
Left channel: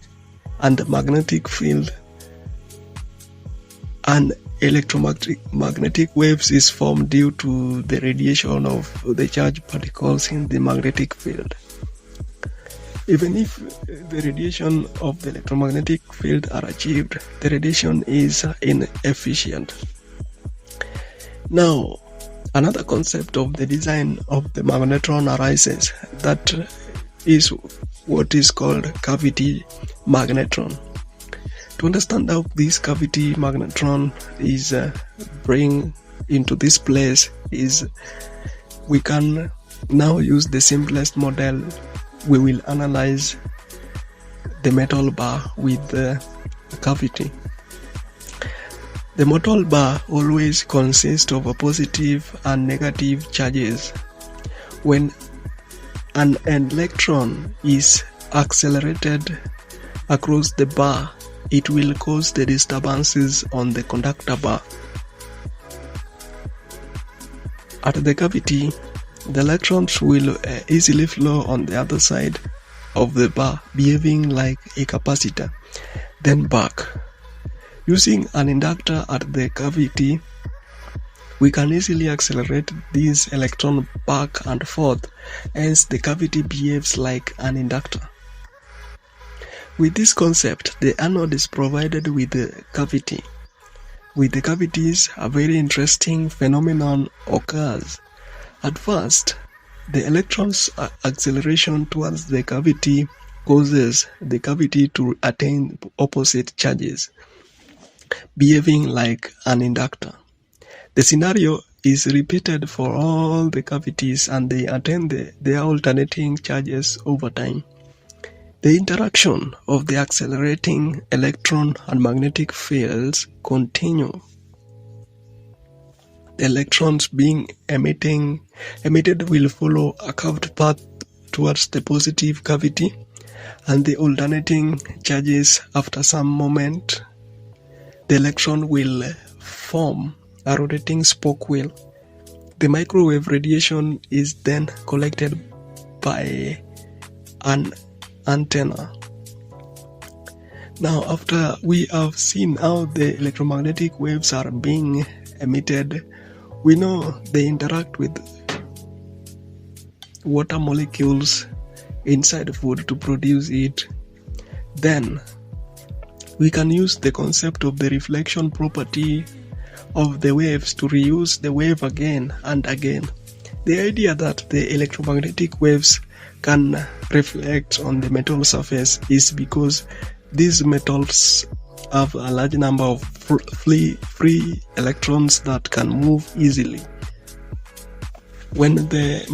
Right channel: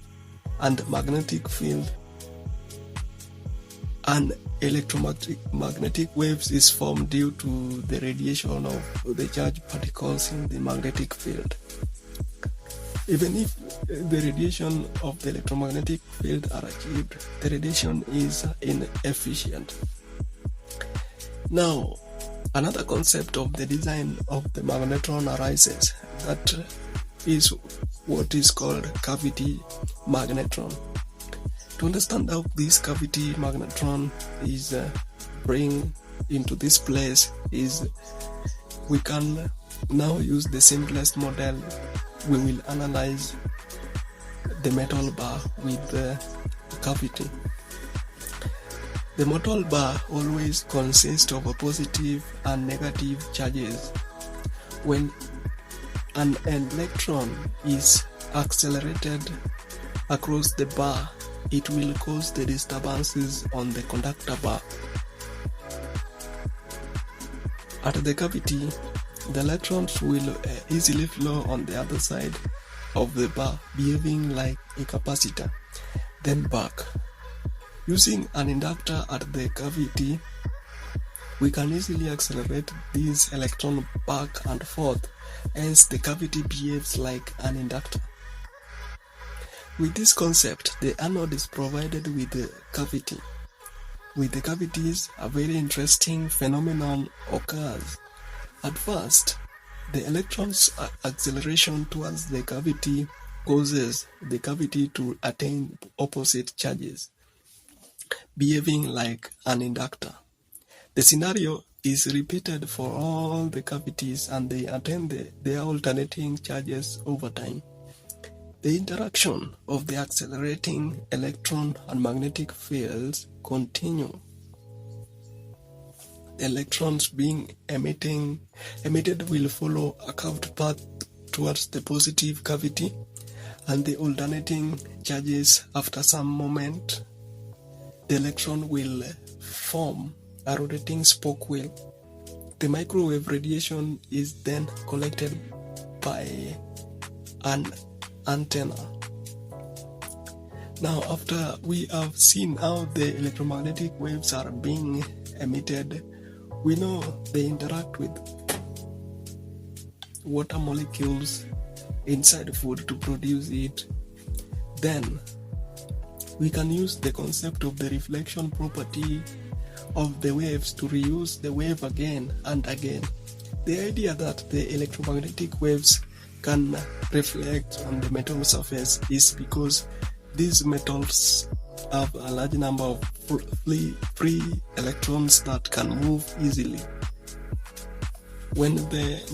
and magnetic field, an electromagnetic waves is formed due to the radiation of the charged particles in the magnetic field. Even if the radiation of the electromagnetic field are achieved, the radiation is inefficient. Now, another concept of the design of the magnetron arises. That is what is called cavity magnetron. To understand how this cavity magnetron is bring into this place, is we can now use the simplest model. We will analyze the metal bar with the cavity. The metal bar always consists of a positive and negative charges. When an electron is accelerated across the bar, it will cause the disturbances on the conductor bar. At the cavity, the electrons will easily flow on the other side of the bar, behaving like a capacitor, then back. Using an inductor at the cavity, we can easily accelerate this electron back and forth, hence the cavity behaves like an inductor. With this concept, the anode is provided with the cavity. With the cavities, a very interesting phenomenon occurs. At first, the electron's acceleration towards the cavity causes the cavity to attain opposite charges, behaving like an inductor. The scenario is repeated for all the cavities, and they attain their alternating charges over time. The interaction of the accelerating electron and magnetic fields continue. The electrons being emitted will follow a curved path towards the positive cavity, and the alternating charges. After some moment, the electron will form a rotating spoke wheel. The microwave radiation is then collected by an antenna. Now, after we have seen how the electromagnetic waves are being emitted, we know they interact with water molecules inside food to produce it. Then we can use the concept of the reflection property of the waves to reuse the wave again and again. The idea that the electromagnetic waves can reflect on the metal surface is because these metals have a large number of free electrons that can move easily. When the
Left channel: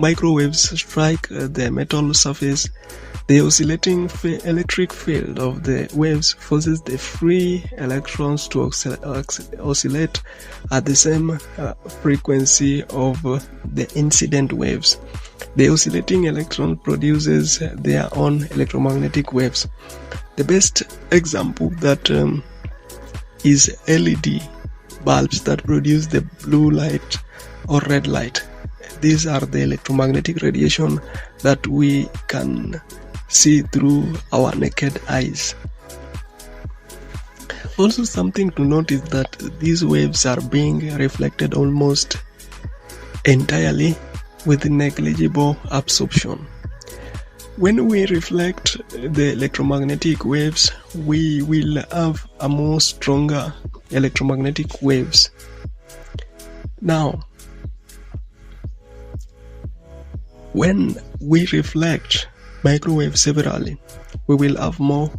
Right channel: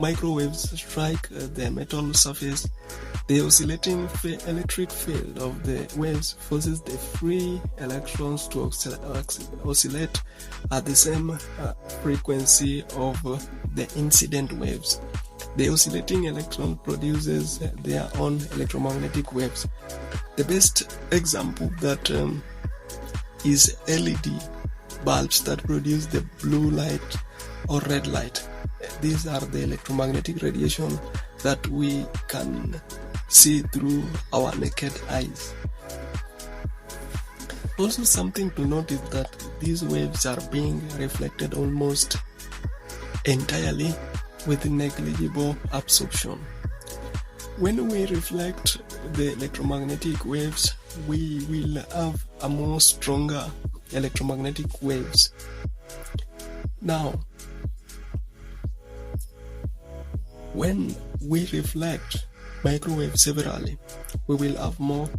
microwaves strike the metal surface, the oscillating electric field of the waves forces the free electrons to oscillate at the same frequency of the incident waves. The oscillating electron produces their own electromagnetic waves. The best example that is LED bulbs that produce the blue light or red light. These are the electromagnetic radiation that we can see through our naked eyes. Also, something to note is that these waves are being reflected almost entirely with negligible absorption. When we reflect the electromagnetic waves, we will have a more stronger electromagnetic waves. Now, when we reflect microwave severally, we will have more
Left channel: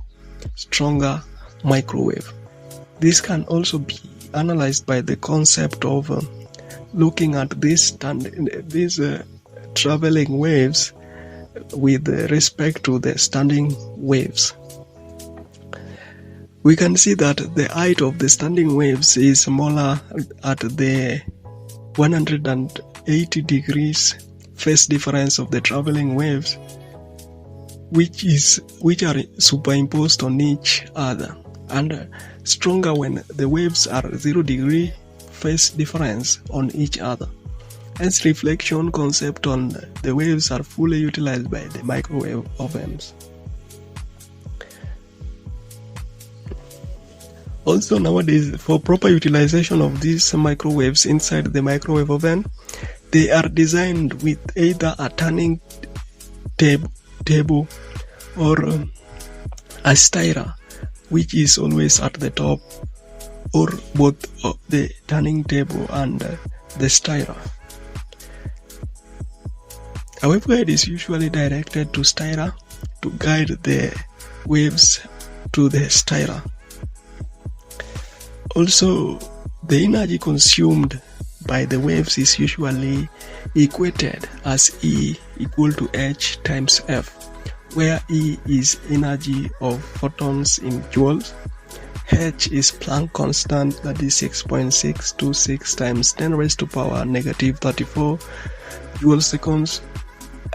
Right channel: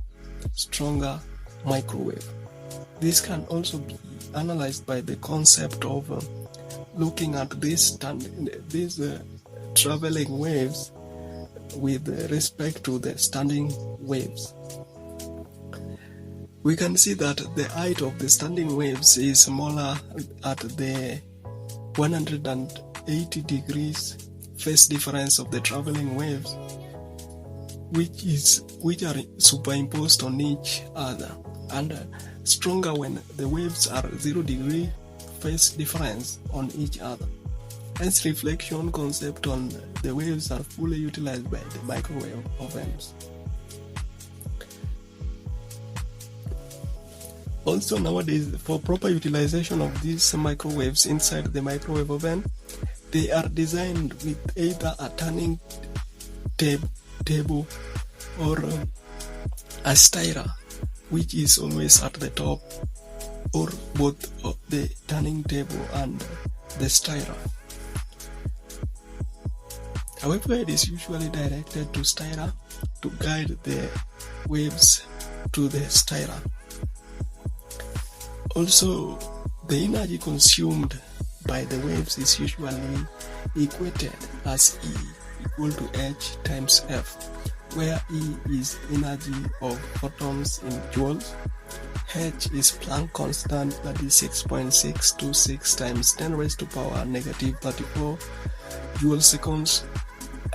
stronger microwave. This can also be analyzed by the concept of looking at these traveling waves with respect to the standing waves. We can see that the height of the standing waves is smaller at the 180 degrees phase difference of the traveling waves, which are superimposed on each other, and stronger when the waves are 0 degree phase difference on each other. Hence, reflection concept on the waves are fully utilized by the microwave ovens. Also, nowadays, for proper utilization of these microwaves inside the microwave oven, they are designed with either a turning table or a stirrer, which is always at the top, or both the turning table and the stirrer. However, it is usually directed to stirrer to guide the waves to the stirrer. Also, the energy consumed by the waves is usually equated as E equal to H times F, where E is energy of photons in joules, H is Planck constant, that is 6.626 times 10 raised to power negative 34 joule seconds,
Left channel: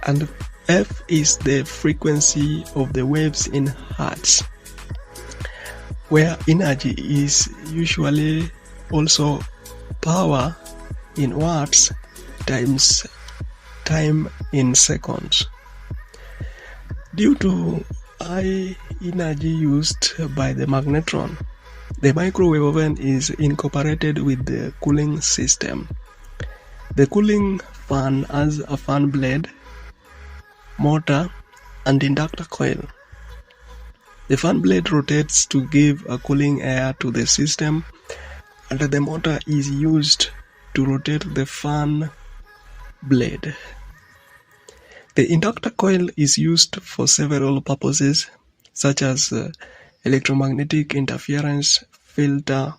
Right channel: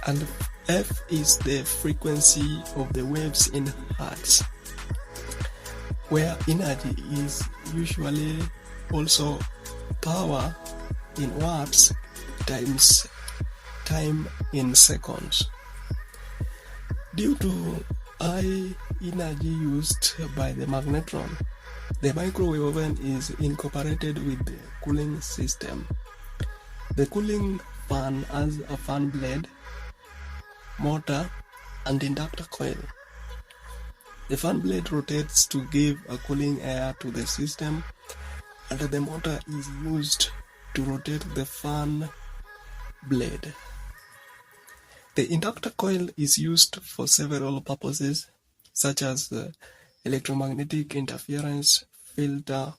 and F is the frequency of the waves in hertz, where energy is usually also power in watts times time in seconds. Due to high energy used by the magnetron, the microwave oven is incorporated with the cooling system. The cooling fan has a fan blade, motor, and inductor coil. The fan blade rotates to give a cooling air to the system, and the motor is used to rotate the fan blade. The inductor coil is used for several purposes, such as electromagnetic interference filter.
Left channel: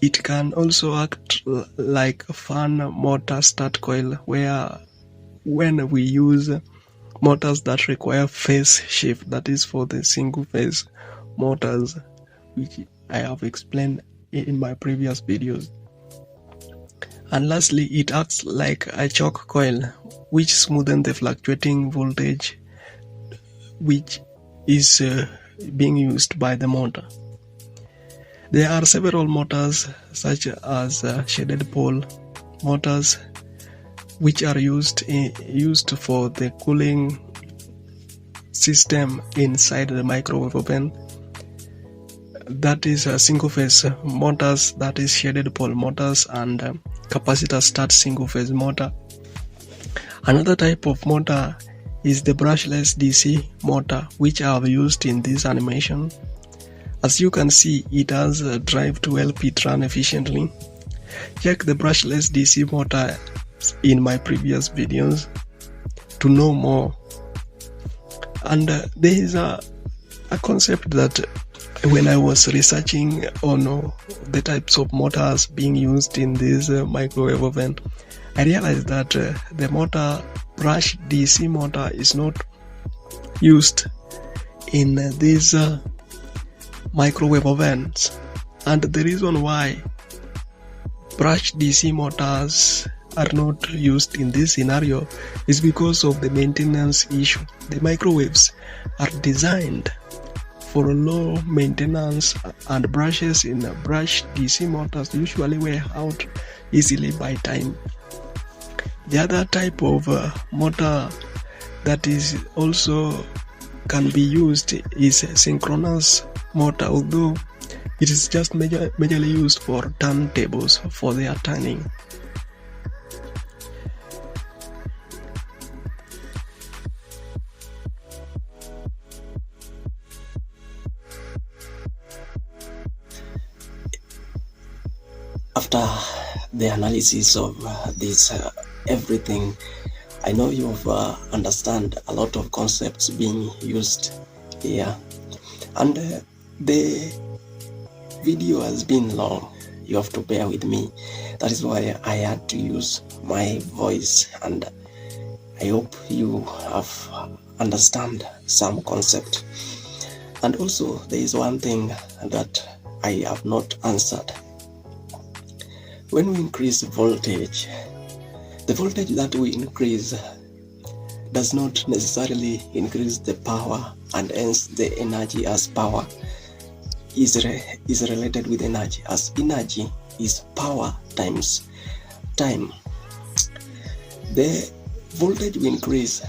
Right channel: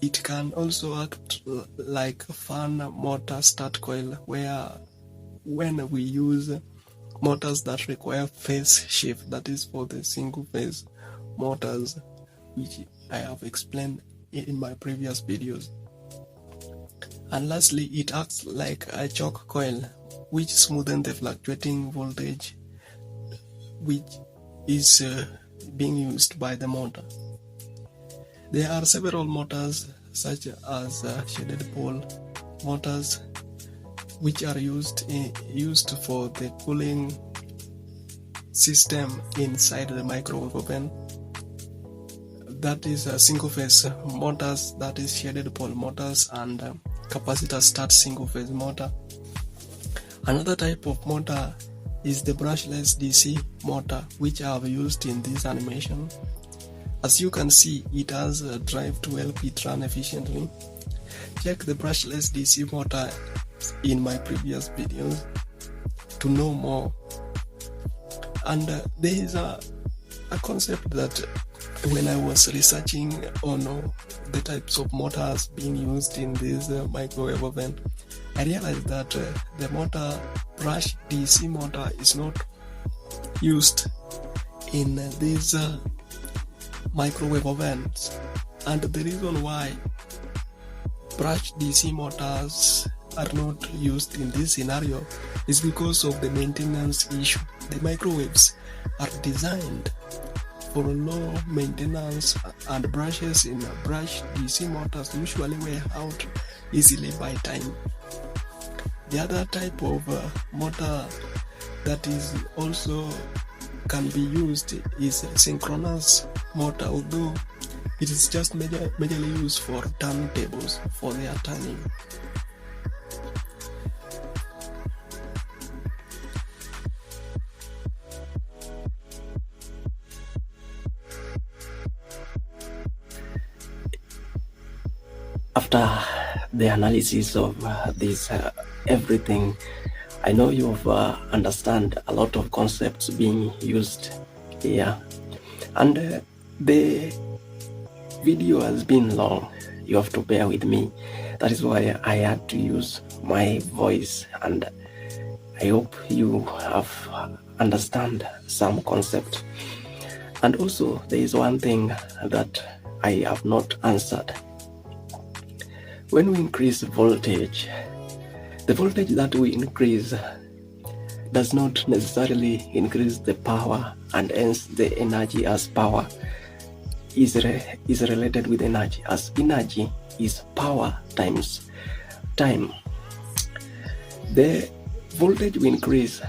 It can also act like a fan motor start coil, where when we use motors that require phase shift, that is for the single phase motors, which I have explained in my previous videos. And lastly, it acts like a choke coil, which smoothens the fluctuating voltage which is being used by the motor. There are several motors such as shaded pole motors, which are used for the cooling system inside the microwave oven. That is single phase motors, that is shaded pole motors, and capacitor start single phase motor. Another type of motor is the brushless DC motor, which I have used in this animation. As you can see, it has a drive to help it run efficiently. Check the brushless DC motor in my previous videos to know more. And there is a concept that when I was researching on the types of motors being used in this microwave oven, I realized that the motor brush DC motor is not used in these microwave ovens, and the reason why brush DC motors are not used in this scenario is because of the maintenance issue. The microwaves are designed for low maintenance, and brushes in brush DC motors usually wear out easily by time. The other type of motor that is also can be used is a synchronous motor, although it is just majorly used for turntables for their turning. After the analysis of this everything, I know you've understand a lot of concepts being used here, and the video has been long. You have to bear with me. That is why I had to use my voice, and I hope you have understand some concept. And also, there is one thing that I have not answered. When we increase voltage, the voltage that we increase does not necessarily increase the power, and hence the energy as power is related with energy, as energy is power times time. The voltage we increase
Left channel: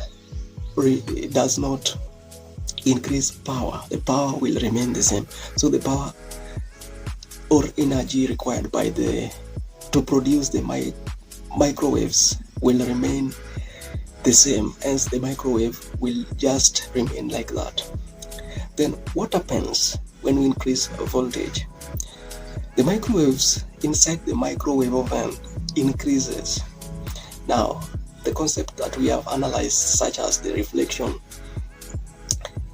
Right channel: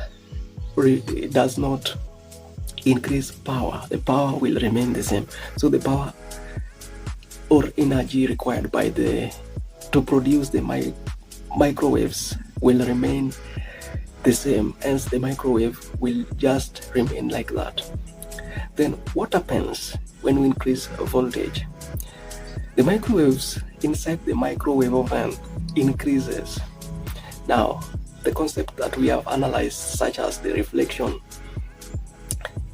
does not increase power. The power will remain the same. So the power or energy required by to produce the microwaves will remain the same, hence the microwave will just remain like that. Then what happens when we increase voltage? The microwaves inside the microwave oven increases. Now, the concept that we have analyzed, such as the reflection,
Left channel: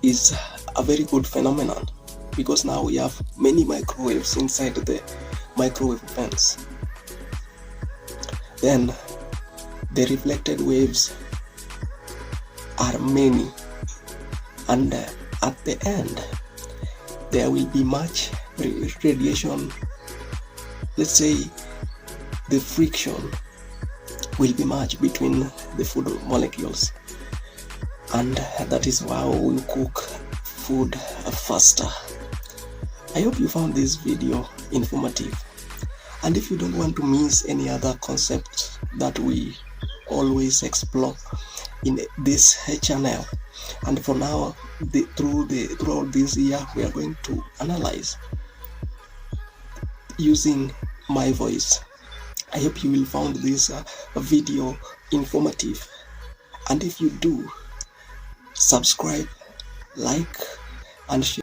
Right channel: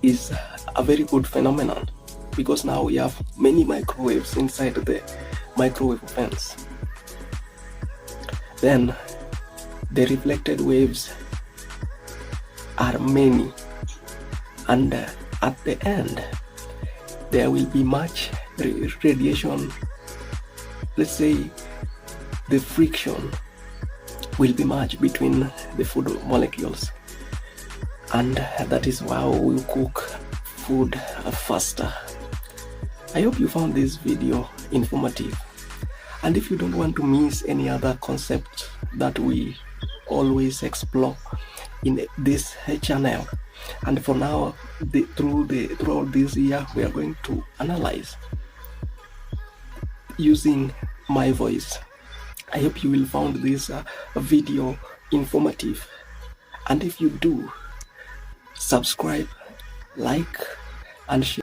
is a very good phenomenon, because now we have many microwaves inside the microwave ovens. Then the reflected waves are many, and at the end there will be much radiation. Let's say the friction will be much between the food molecules, and that is why we cook food faster. I hope you found this video informative, and if you don't want to miss any other concept that we always explore in this channel, and for now throughout this year we are going to analyze using my voice. I hope you will find this video informative, and if you do, subscribe, like, and share.